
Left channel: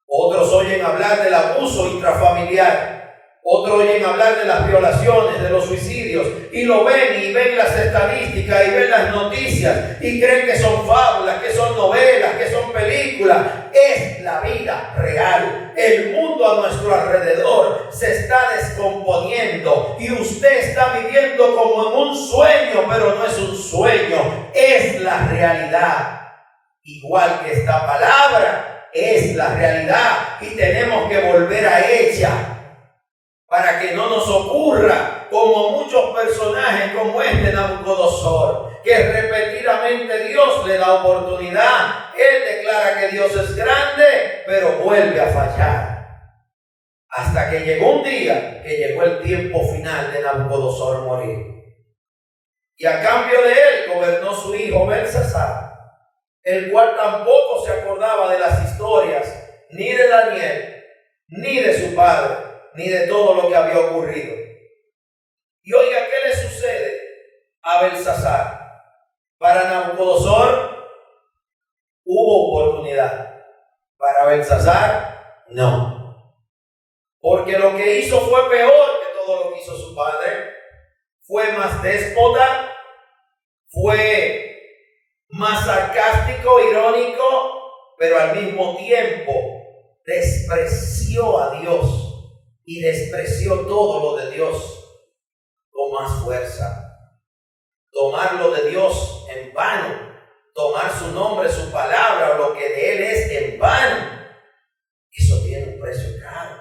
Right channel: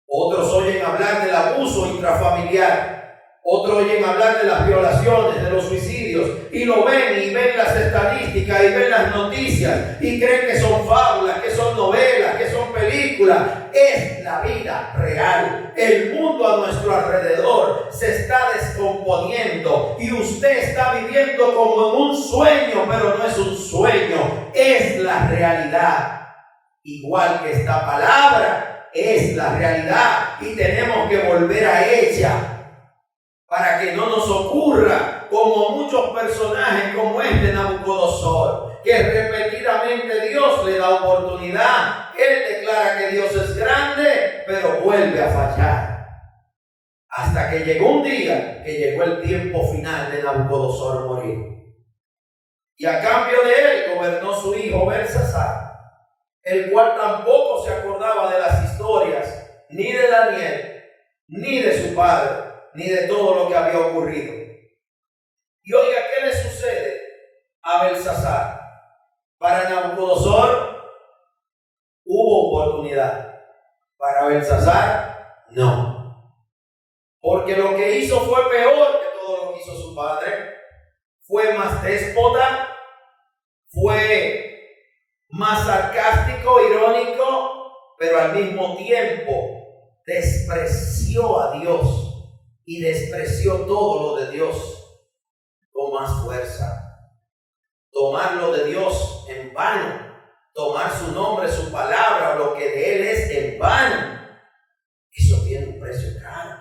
Otros oyen hablar del abuso intrafamiliar, otros oyen hablar de las violaciones, de los suicidios, y lo ven y ven las estadísticas y ven las noticias y creen que son fábulas, que son novelas, que son películas. Es la vida real. El mundo a nuestro alrededor se está descomponiendo y usted está viviendo como en un sueño, pero no es un sueño, es la realidad. Igual que esta palabra es la realidad y tenemos que volver a ella para que no nos ocurra como muchos personajes como este Nabucodonosor, que repetidamente Dios le da oportunidad. Él declara que Dios es grande, pero vuelve a fallar. Hasta que llegó un día que llegó el tiempo final de Nabucodonosor morir. Y a cambio de él gobernó su hijo Belsasar, el cual tampoco se acordaba de las historias ni de Daniel, ni de su padre, ni de todo lo que había ocurrido. Y oiga, ¿qué le sucede a Belsasar? Para Nabucodonosor hubo oportunidad, para Belsasar no. Porque lo que hizo fue peor que todo lo que hizo su padre. Fue más déspota, fue más sarcástico, irónico, pero al mismo tiempo despreció a Dios y despreció todo lo de Dios, como más fuerza. Tomarlo de Dios en vano, tomar su nombre, su palabra o lo que de Él es en vano, eso tiene un precio caro.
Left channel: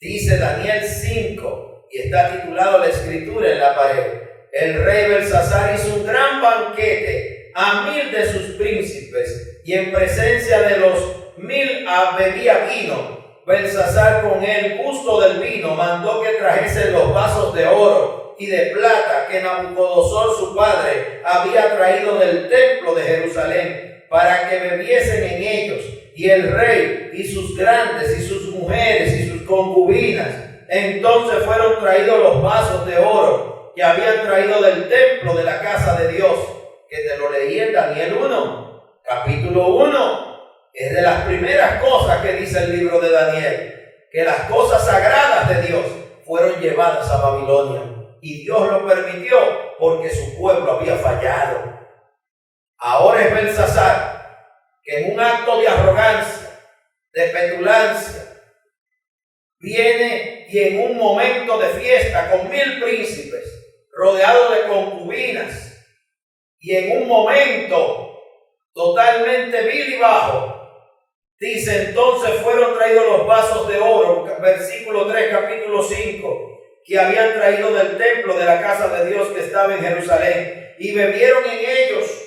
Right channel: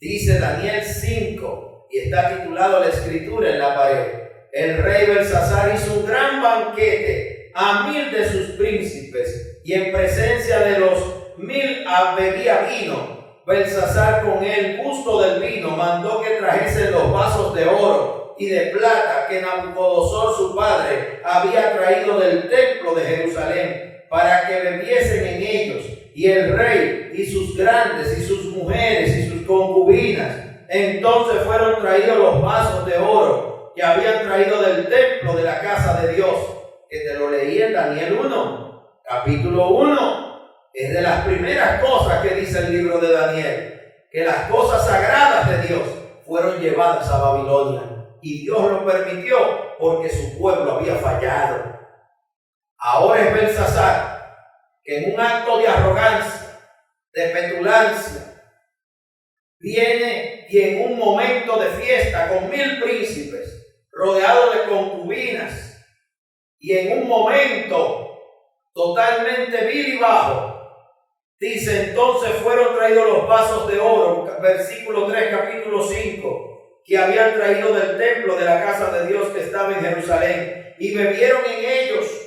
Dice Daniel 5, y está titulado la escritura en la pared: el rey Belsasar hizo un gran banquete a 1000 de sus príncipes, y en presencia de los 1000 bebía vino. Belsasar, con el gusto del vino, mandó que trajesen los vasos de oro y de plata que Nabucodonosor su padre había traído del templo de Jerusalén, para que bebiesen en ellos. Y el rey y sus grandes y sus mujeres y sus concubinas. Entonces fueron traídos los vasos de oro que habían traído del templo de la casa de Dios, que te lo leí en Daniel 1, capítulo 1. Es de las primeras cosas que dice el libro de Daniel, que las cosas sagradas de Dios fueron llevadas a Babilonia. Y Dios lo permitió porque su pueblo había fallado. Ahora es Belsasar, que en un acto de arrogancia, de petulancia, viene y en un momento de fiesta con 1000 príncipes, rodeado de concubinas, y en un momento totalmente vil y bajo, dice: entonces fueron traídos los vasos de oro, versículo 3, capítulo 5, que habían traído del templo de la casa de Dios que estaba en Jerusalén, y bebieron en ellos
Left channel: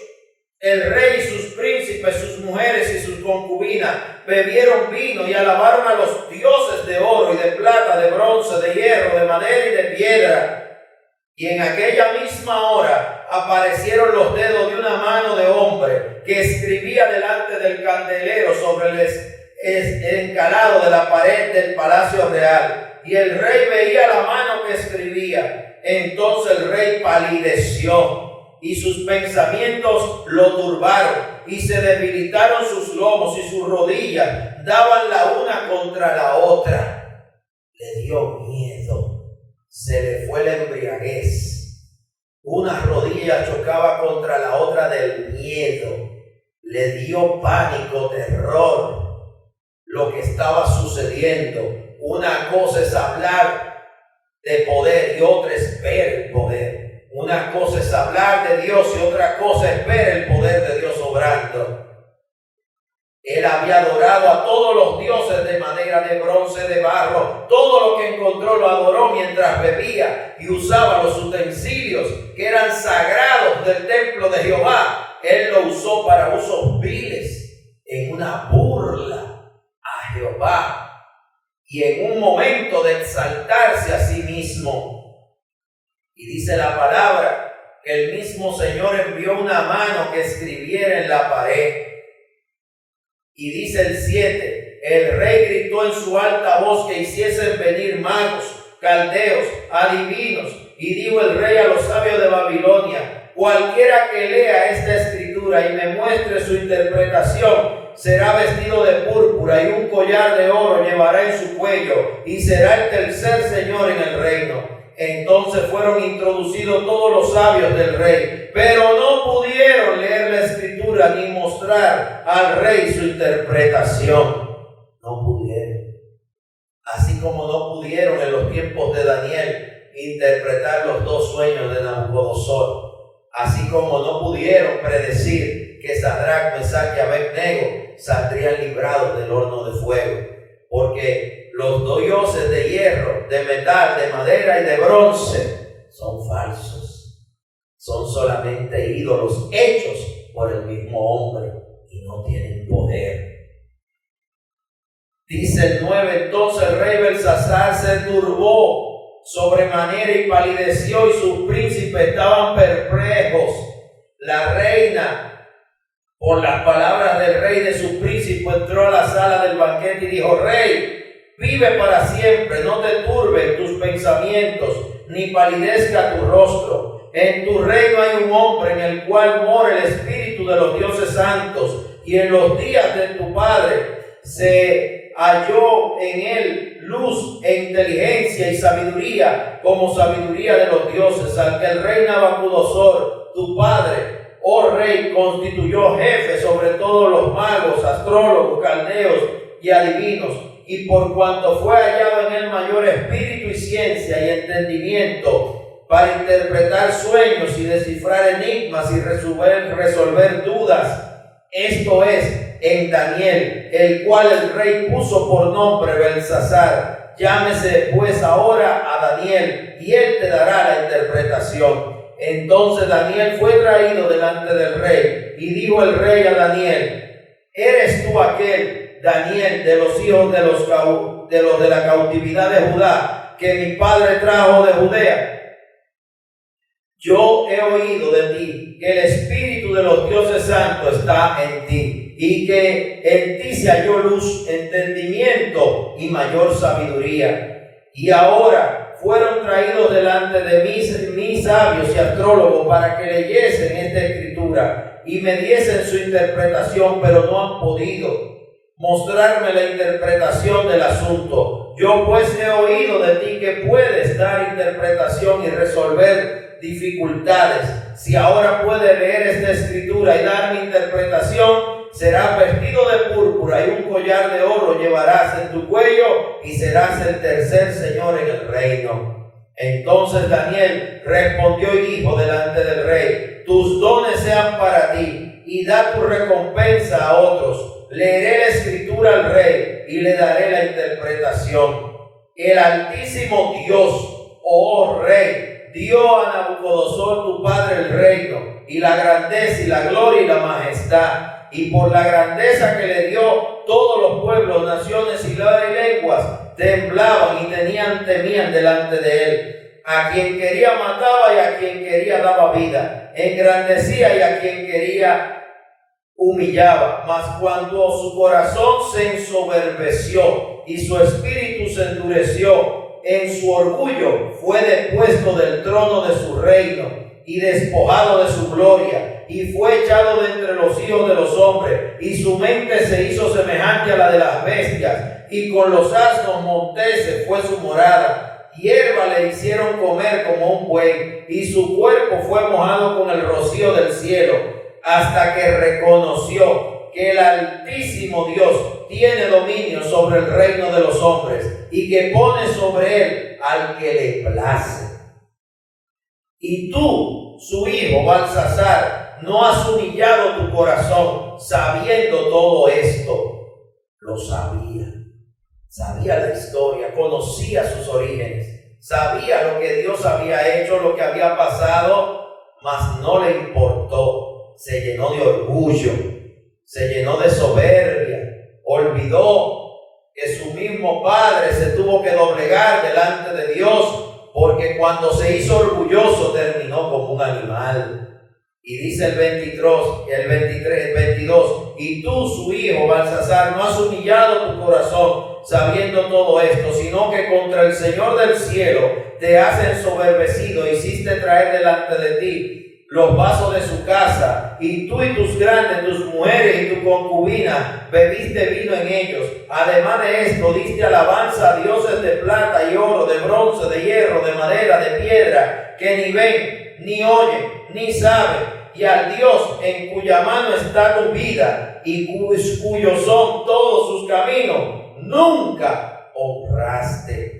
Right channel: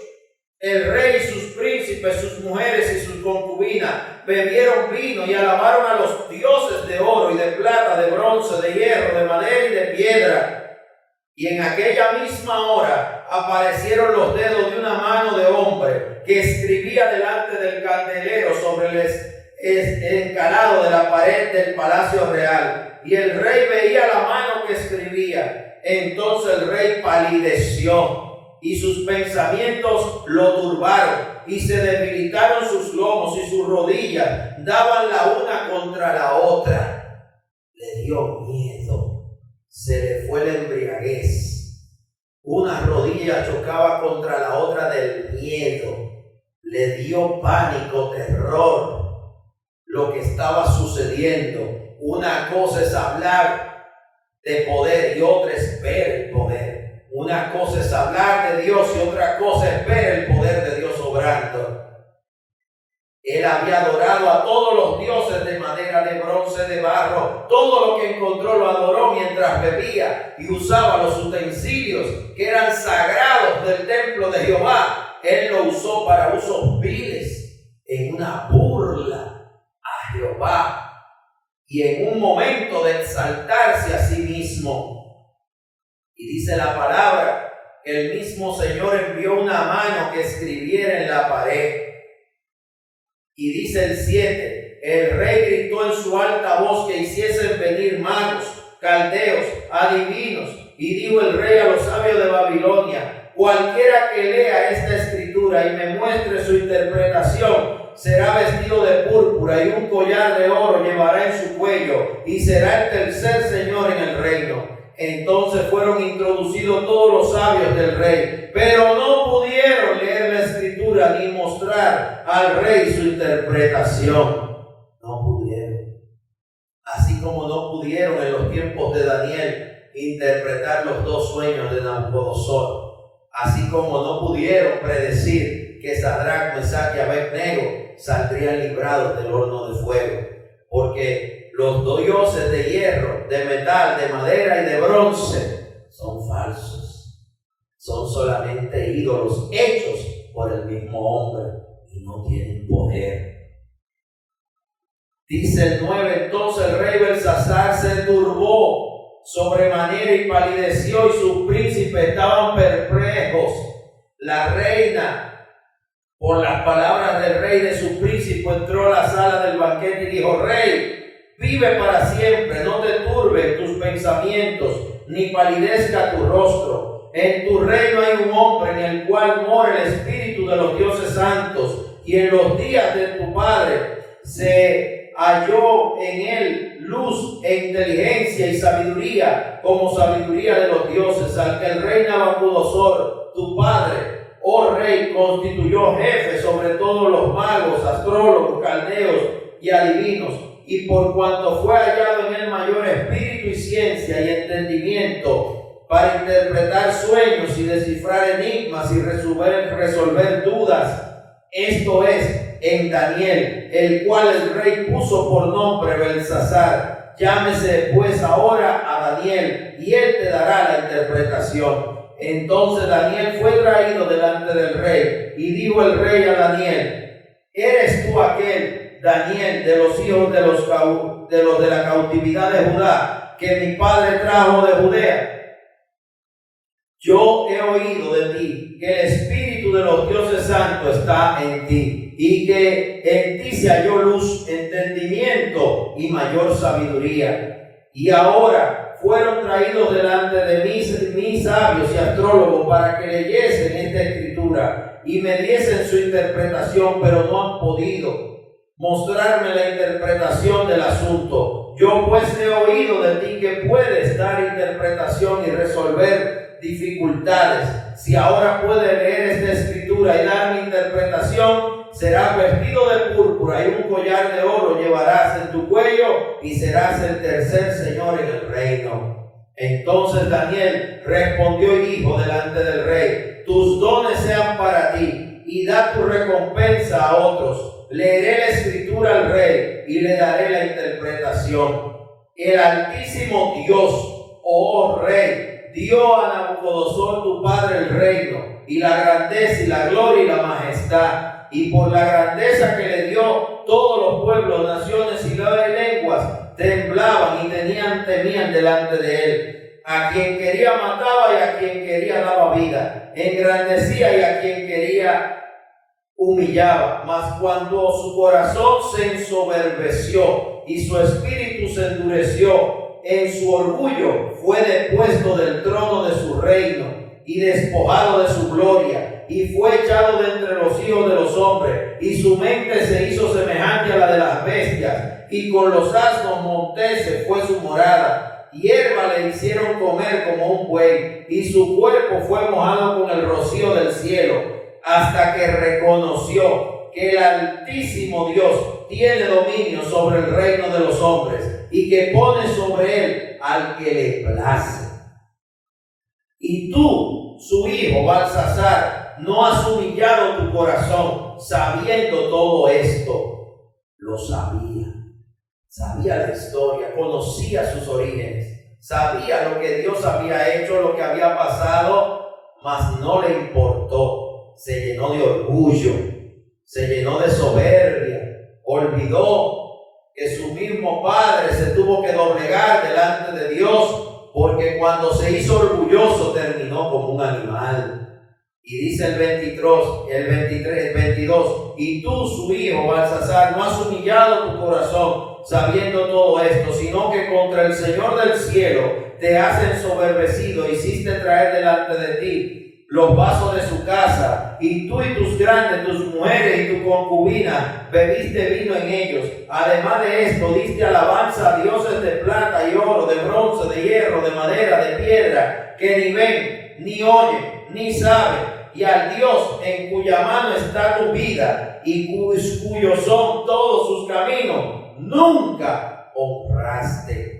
el rey y sus príncipes, sus mujeres y sus concubinas. Bebieron vino y alabaron a los dioses de oro y de plata, de bronce, de hierro, de madera y de piedra. Y en aquella misma hora aparecieron los dedos de una mano de hombre que escribía delante del candelero sobre el encalado de la pared del palacio real. Y el rey veía la mano que escribía. Entonces el rey palideció y sus pensamientos lo turbaron, y se debilitaron sus lomos y sus rodillas daban la una contra la otra. Le dio miedo, se le fue la embriaguez. Una rodilla chocaba contra la otra del miedo. Le dio pánico, terror, lo que estaba sucediendo. Una cosa es hablar de poder y otra es ver el poder. Una cosa es hablar de Dios y otra cosa es ver el poder de Dios obrando. Él había adorado a todos los dioses de madera, de bronce, de barro. Todo lo que encontró lo adoró mientras bebía y usaba los utensilios que eran sagrados del templo de Jehová. Él lo usó para usos viles, en una burla a Jehová y en un momento de exaltarse a sí mismo. Y dice la palabra que el mismo Señor envió una mano que escribiera en la pared. Y dice el 7, el rey gritó en su alta voz que hiciesen venir magos, caldeos, adivinos. Y dijo el rey a los sabios de Babilonia: cualquiera que lea esta escritura y me muestre su interpretación, será vestido de púrpura y un collar de oro llevará en su cuello, y será el tercer señor en el reino. Entonces fueron introducidos todos los sabios del rey, pero no pudieron leer la escritura ni mostrar al rey su interpretación. No pudieron. Así como no pudieron en los tiempos de Daniel interpretar los 2 sueños de Nabucodonosor. Así como no pudieron predecir que Sadrach, Mesach y Abednego saldrían librados del horno de fuego. Porque los dioses de hierro, de metal, de madera y de bronce son falsos. Son solamente ídolos hechos por el mismo hombre y no tienen poder. Dice el 9, entonces el rey Belsasar se turbó sobremanera y palideció, y sus príncipes estaban perplejos. La reina, por las palabras del rey de sus príncipes, entró a la sala del banquete y dijo: rey, vive para siempre, no te turben tus pensamientos, ni palidezca tu rostro. En tu reino hay un hombre en el cual mora el espíritu de los dioses santos, y en los días de tu padre se halló en él luz e inteligencia y sabiduría, como sabiduría de los dioses, al que el rey Nabucodonosor, tu padre, oh rey, constituyó jefe sobre todos los magos, astrólogos, caldeos y adivinos. Y por cuanto fue hallado en él mayor espíritu y ciencia y entendimiento, para interpretar sueños y descifrar enigmas y resolver dudas. Esto es en Daniel, el cual el rey puso por nombre Belsasar. Llámese pues ahora a Daniel, y él te dará la interpretación. Entonces Daniel fue traído delante del rey, y dijo el rey a Daniel: ¿Eres tú aquel, Daniel, de los hijos de los de la cautividad de Judá, que mi padre trajo de Judea? Yo he oído de ti que el Espíritu de los dioses santos está en ti, y que en ti se halló luz, entendimiento y mayor sabiduría. Y ahora fueron traídos delante de mis sabios y astrólogos para que leyesen esta escritura y me diesen su interpretación, pero no han podido mostrarme la interpretación del asunto. Yo pues he oído de ti que puedes dar interpretación y resolver dificultades. Si ahora puede leer esta escritura y dar mi interpretación, serás vestido de púrpura y un collar de oro llevarás en tu cuello, y serás el tercer señor en el reino. Entonces Daniel respondió y dijo delante del rey: tus dones sean para ti, y da tu recompensa a otros. Leeré la escritura al rey y le daré la interpretación. El Altísimo Dios, oh rey, dio a Nabucodonosor tu padre el reino, y la grandeza y la gloria y la majestad. Y por la grandeza que le dio, todos los pueblos, naciones y lenguas temblaban y temían delante de él. A quien quería mataba, y a quien quería daba vida. Engrandecía, y a quien quería humillaba. Mas cuando su corazón se ensoberbeció y su espíritu se endureció, en su orgullo fue depuesto del trono de su reino y despojado de su gloria, y fue echado de entre los hijos de los hombres, y su mente se hizo semejante a la de las bestias, y con los asnos monteses fue su morada. Hierba le hicieron comer como un buey, y su cuerpo fue mojado con el rocío del cielo, hasta que reconoció que el Altísimo Dios tiene dominio sobre el reino de los hombres, y que pone sobre él al que le place. Y tú, su hijo Belsasar, no has humillado tu corazón sabiendo todo esto. Lo sabía la historia, conocía sus orígenes, sabía lo que Dios había hecho, lo que había pasado, mas no le importó. Se llenó de orgullo, se llenó de soberbia, olvidó que su mismo padre se tuvo que doblegar delante de Dios, porque cuando se hizo orgulloso terminó como un animal. Y dice el 22, y tú, su hijo Belsasar, no has humillado tu corazón sabiendo todo esto, sino que contra el Señor del cielo te has ensoberbecido, hiciste traer delante de ti los vasos de su casa, y tú y tus grandes, tus mujeres y tu concubina bebiste vino en ellos. Además de esto, diste alabanza a dioses de plata y oro, de bronce, de hierro, de madera, de piedra, que ni ven, ni oyen, ni saben, y al Dios en cuya mano está tu vida, y cuyos son todos sus caminos, nunca honraste.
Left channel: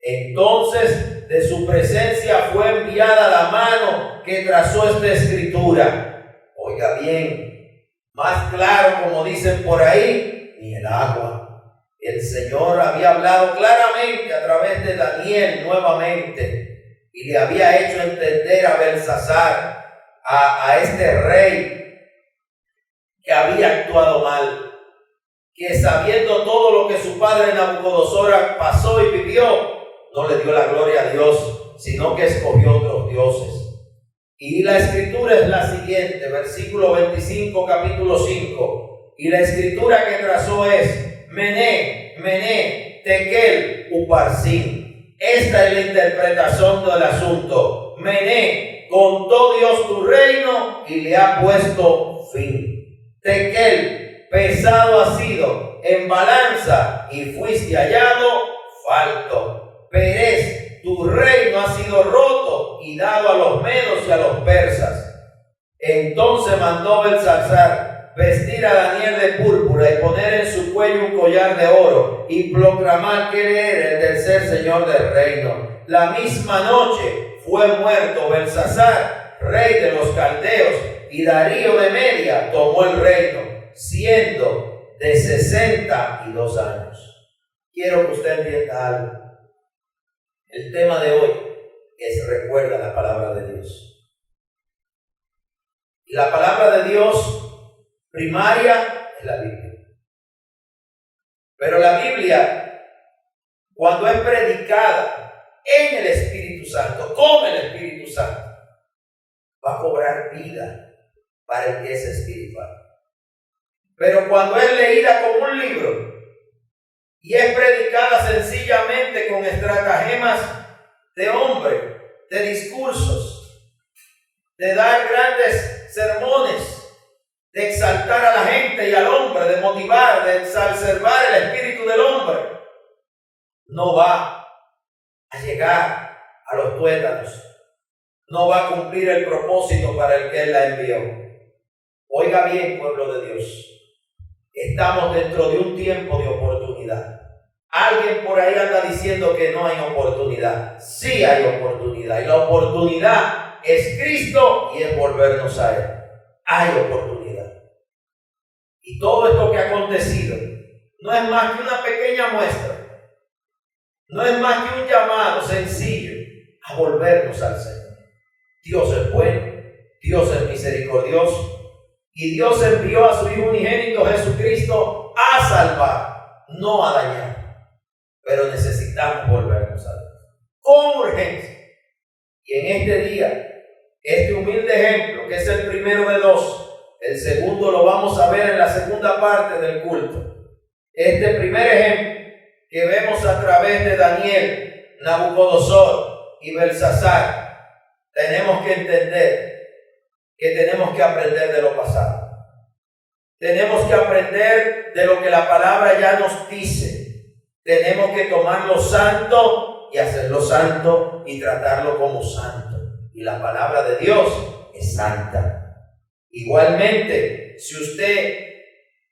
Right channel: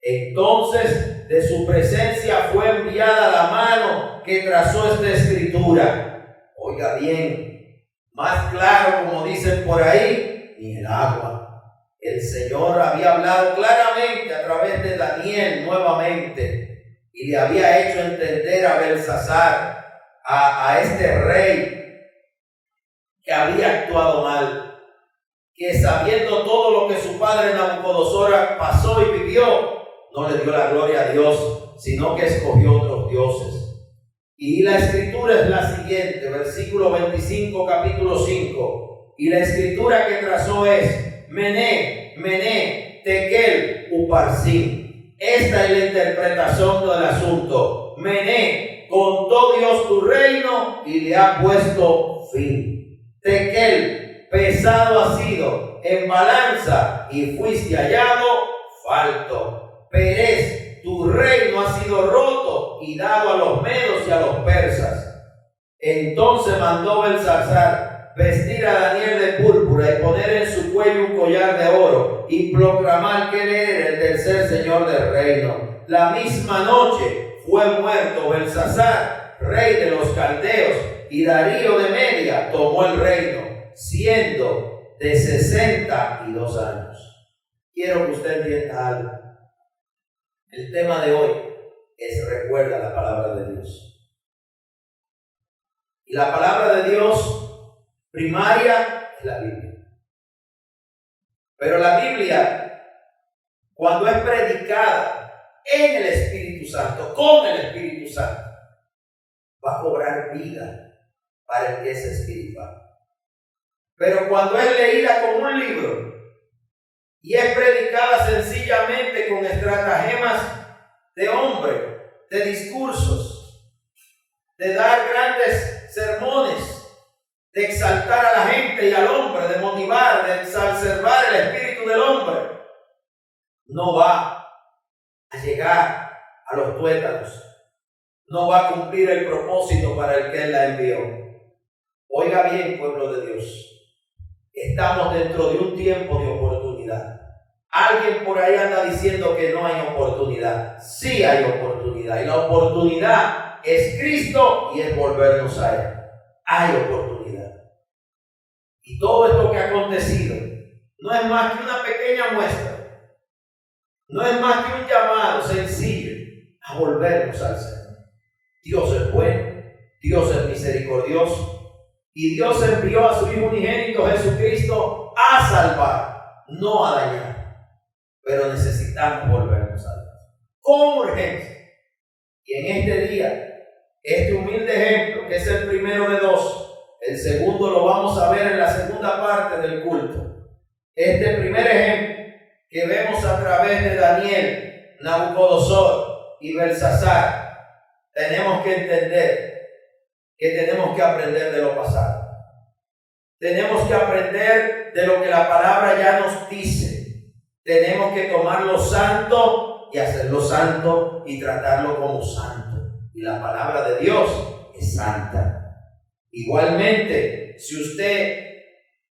Entonces de su presencia fue enviada la mano que trazó esta escritura. Oiga bien, más claro, como dicen por ahí, ni el agua. El Señor había hablado claramente a través de Daniel nuevamente, y le había hecho entender a Belsasar, a este rey, que había actuado mal, que sabiendo todo lo que su padre Nabucodonosor pasó y vivió, no le dio la gloria a Dios, sino que escogió otros dioses. Y la escritura es la siguiente, versículo 25, capítulo 5. Y la escritura que trazó es: Mené, Mené, Tekel, Uparsin. Esta es la interpretación del asunto. Mené, contó Dios tu reino y le ha puesto fin. Tekel, pesado ha sido en balanza y fuiste hallado falto. Perez, tu reino ha sido roto y dado a los medos y a los persas. Entonces mandó Belsasar vestir a Daniel de púrpura y poner en su cuello un collar de oro, y proclamar que él era el tercer señor del reino. La misma noche fue muerto Belsasar, rey de los caldeos, y Darío de Media tomó el reino, siendo de 62 años. Quiero que usted entienda algo. El tema de hoy es recuerda la palabra de Dios. Y la palabra de Dios primaria es la Biblia. Pero la Biblia, cuando es predicada en el Espíritu Santo, con el Espíritu Santo, va a cobrar vida para el que es espiritual. Pero cuando es leída como un libro y es predicada sencillamente con estratagemas de hombre, de discursos, de dar grandes sermones, de exaltar a la gente y al hombre, de motivar, de exacerbar el espíritu del hombre, no va a llegar a los tuétanos, no va a cumplir el propósito para el que Él la envió. Oiga bien, pueblo de Dios, estamos dentro de un tiempo de oportunidad. Alguien por ahí anda diciendo que no hay oportunidad. Sí hay oportunidad, y la oportunidad es Cristo y es volvernos a Él. Hay oportunidad. Y todo esto que ha acontecido no es más que una pequeña muestra, no es más que un llamado sencillo a volvernos al Señor. Dios es bueno, Dios es misericordioso, y Dios envió a su Hijo unigénito Jesucristo a salvar, no a dañar. Pero necesitamos volvernos a Dios con urgencia. Y en este día, este humilde ejemplo, que es el primero de dos, el segundo lo vamos a ver en la segunda parte del culto. Este primer ejemplo que vemos a través de Daniel, Nabucodonosor y Belsasar, tenemos que entender que tenemos que aprender de lo pasado. Tenemos que aprender de lo que la palabra ya nos dice. Tenemos que tomar lo santo y hacerlo santo y tratarlo como santo. Y la palabra de Dios es santa. Igualmente, si usted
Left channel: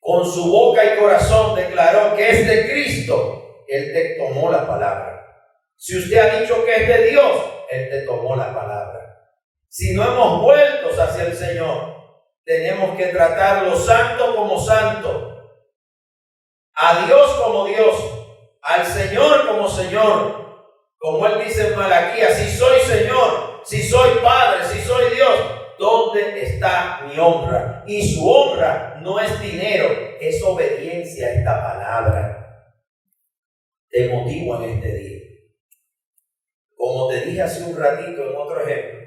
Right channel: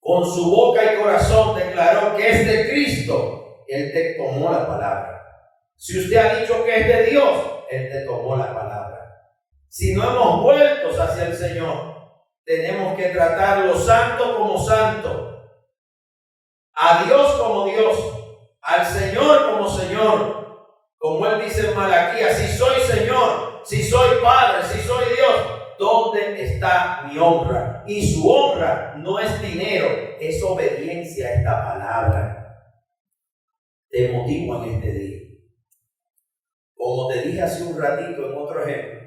con su boca y corazón declaró que es de Cristo, Él te tomó la palabra. Si usted ha dicho que es de Dios, Él te tomó la palabra. Si no hemos vuelto hacia el Señor, tenemos que tratar lo santo como santo, a Dios como Dios, al Señor como Señor. Como Él dice en Malaquías, si soy Señor, si soy Padre, si soy Dios, ¿dónde está mi honra? Y su honra no es dinero, es obediencia a esta palabra. Te motivo en este día. Como te dije hace un ratito en otro ejemplo,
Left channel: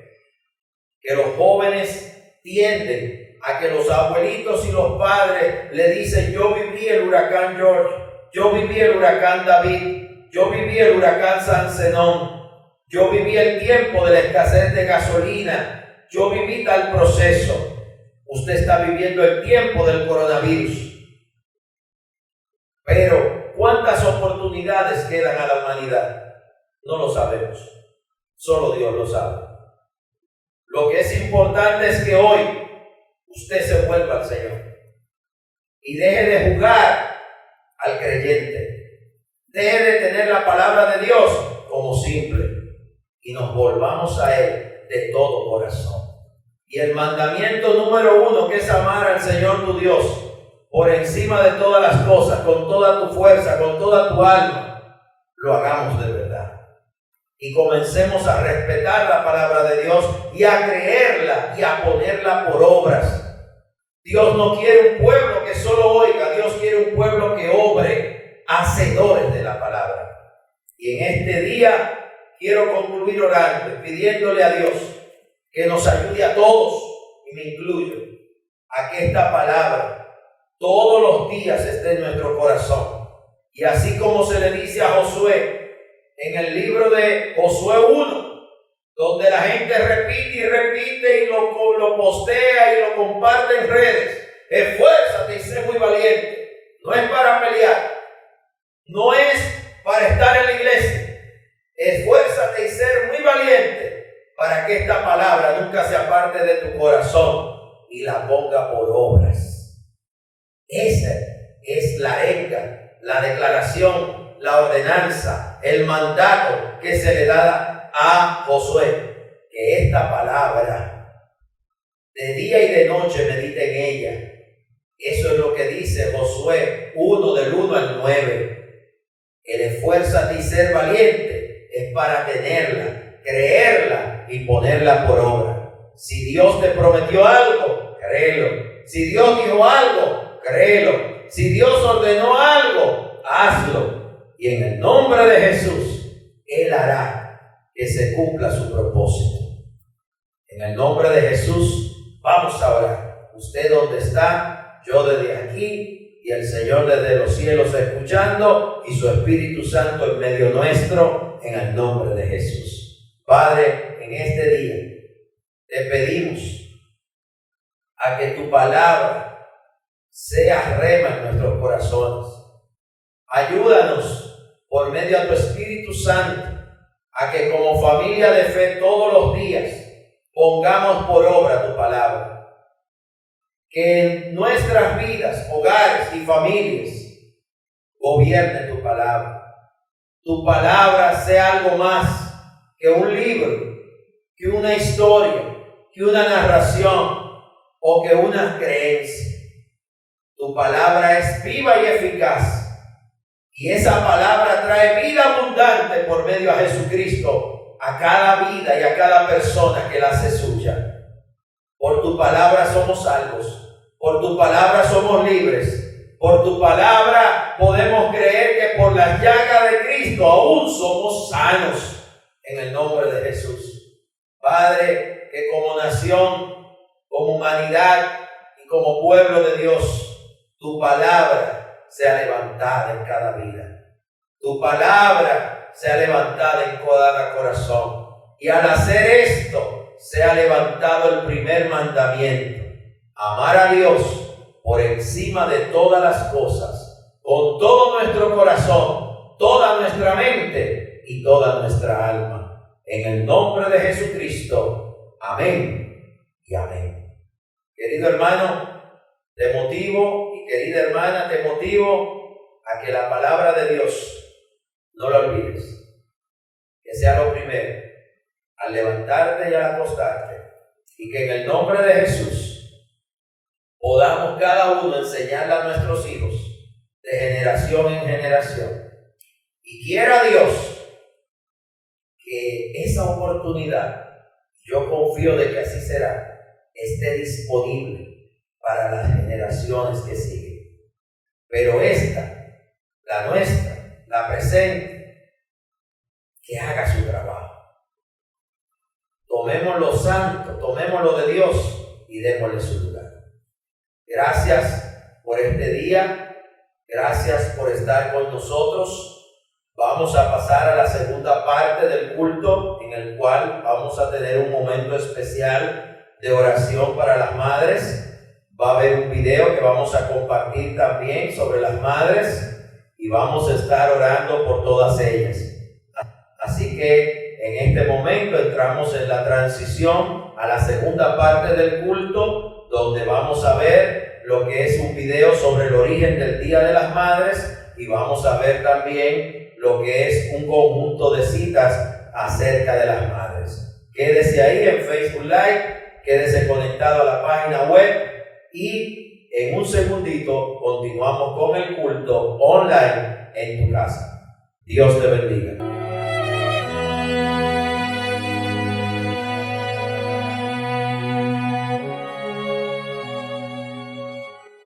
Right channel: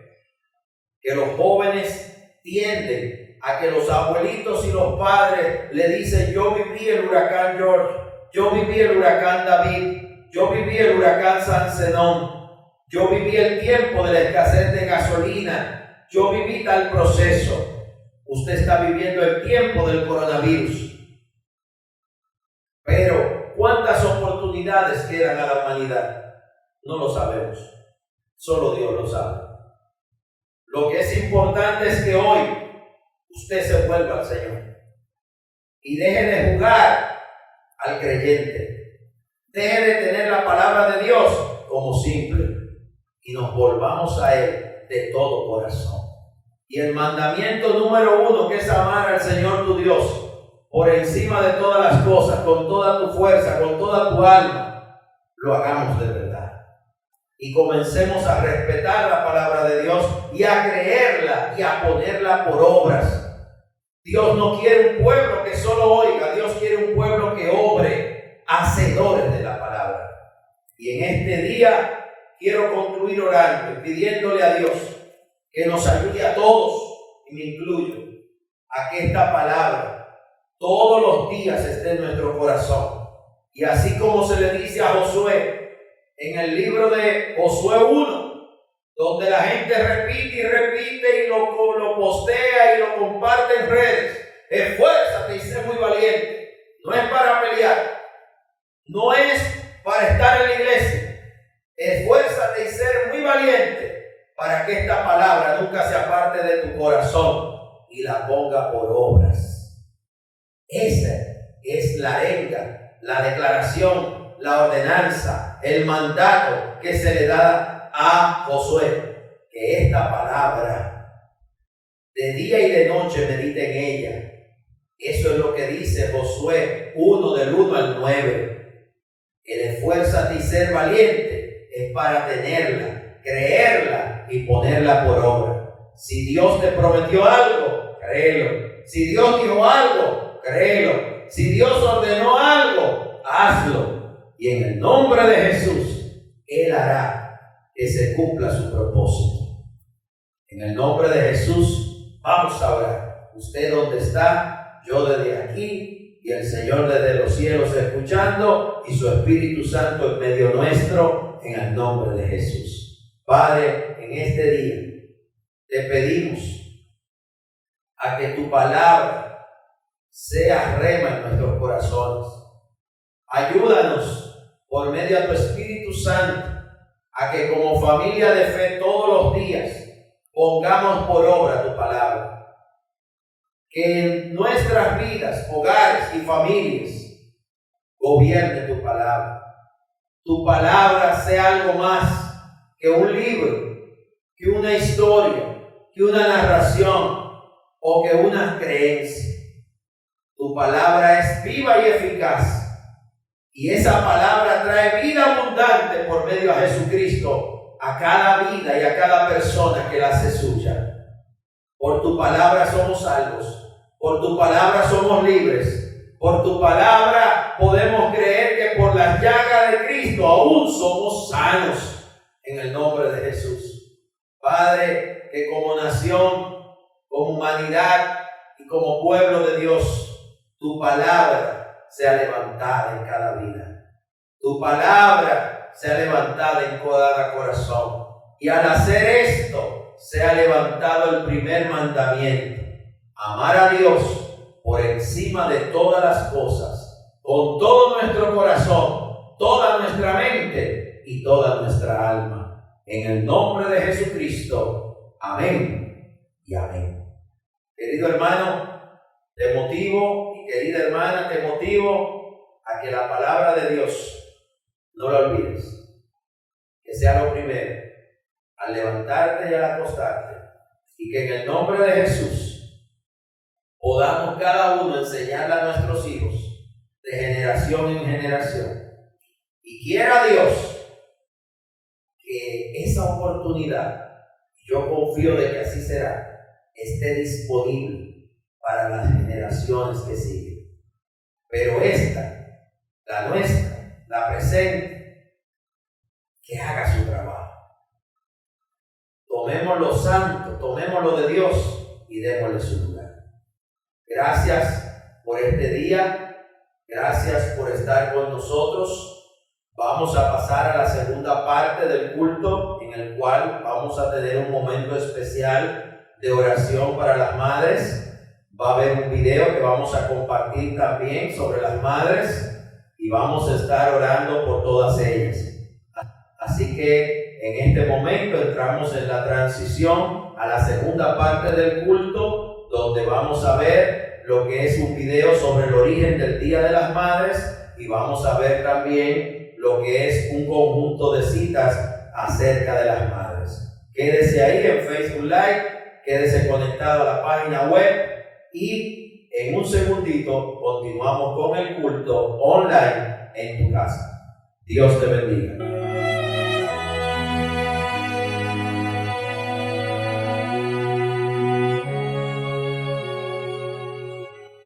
que los jóvenes tienden a que los abuelitos y los padres le dicen: yo viví el huracán George, yo viví el huracán David, yo viví el huracán San Zenón, yo viví el tiempo de la escasez de gasolina, yo viví tal proceso. Usted está viviendo el tiempo del coronavirus. Pero ¿cuántas oportunidades quedan a la humanidad? No lo sabemos. Solo Dios lo sabe. Lo que es importante es que hoy usted se vuelva al Señor y deje de jugar al creyente. Deje de tener la palabra de Dios como simple y nos volvamos a Él de todo corazón. Y el mandamiento número 1, que es amar al Señor tu Dios por encima de todas las cosas, con toda tu fuerza, con toda tu alma, lo hagamos de verdad. Y comencemos a respetar la palabra de Dios y a creerla y a ponerla por obras. Dios no quiere un pueblo que solo oiga, Dios quiere un pueblo que obre, hacedores de la palabra. Y en este día quiero concluir orando y pidiéndole a Dios que nos ayude a todos, y me incluyo, a que esta palabra todos los días esté en nuestro corazón. Y así como se le dice a Josué en el libro de Josué 1, donde la gente repite y repite y lo postea y lo comparte en redes: esfuérzate y sé muy valiente. No es para pelear, no es para estar en la iglesia. Esfuérzate y ser muy valiente para que esta palabra nunca se aparte de tu corazón y la ponga por obras. Esa es la arenga, la declaración, la ordenanza, el mandato que se le da a Josué. que esta palabra de día y de noche medite en ella. Eso es lo que dice Josué 1 del 1 al 9. El esfuérzate y ser valiente es para tenerla, creerla y ponerla por obra. Si Dios te prometió algo, créelo. Si Dios dijo algo, créelo. Si Dios ordenó algo, hazlo. Y en el nombre de Jesús, Él hará que se cumpla su propósito. En el nombre de Jesús, vamos a orar. Usted donde está, yo desde aquí y el Señor desde los cielos escuchando y su Espíritu Santo en medio nuestro, en el nombre de Jesús. Padre, en este día te pedimos a que tu palabra sea rema en nuestros corazones. Ayúdanos por medio de tu Espíritu Santo a que como familia de fe todos los días pongamos por obra tu palabra. Que en nuestras vidas, hogares y familias gobierne tu palabra. Tu palabra sea algo más que un libro, que una historia, que una narración o que una creencia. Tu palabra es viva y eficaz. Y esa palabra trae vida abundante por medio de Jesucristo a cada vida y a cada persona que la hace suya. Por tu palabra somos salvos. Por tu palabra somos libres. Por tu palabra podemos creer que por las llagas de Cristo aún somos sanos. En el nombre de Jesús. Padre, que como nación, como humanidad y como pueblo de Dios, tu palabra sea levantada en cada vida. Tu palabra sea levantada en cada corazón. Y al hacer esto, sea levantado el primer mandamiento. Amar a Dios por encima de todas las cosas, con todo nuestro corazón, toda nuestra mente y toda nuestra alma. En el nombre de Jesucristo. Amén y amén. Querido hermano, te motivo y querida hermana, te motivo a que la palabra de Dios no la olvides. Que sea lo primero, al levantarte y al acostarte. Y que en el nombre de Jesús podamos cada uno enseñarle a nuestros hijos de generación en generación. Y quiera Dios que esa oportunidad, yo confío de que así será, esté disponible para las generaciones que siguen. Pero esta, la nuestra, la presente, que haga su trabajo. Tomemos lo santo, tomemos lo de Dios y démosle su lugar. Gracias por este día, gracias por estar con nosotros. Vamos a pasar a la segunda parte del culto, en el cual vamos a tener un momento especial de oración para las madres. Va a haber un video que vamos a compartir también sobre las madres y vamos a estar orando por todas ellas. Así que en este momento entramos en la transición a la segunda parte del culto, donde vamos a ver lo que es un video sobre el origen del Día de las Madres y vamos a ver también lo que es un conjunto de citas acerca de las madres. Quédese ahí en Facebook Live, quédese conectado a la página web y en un segundito continuamos con el culto online en tu casa. Dios te bendiga.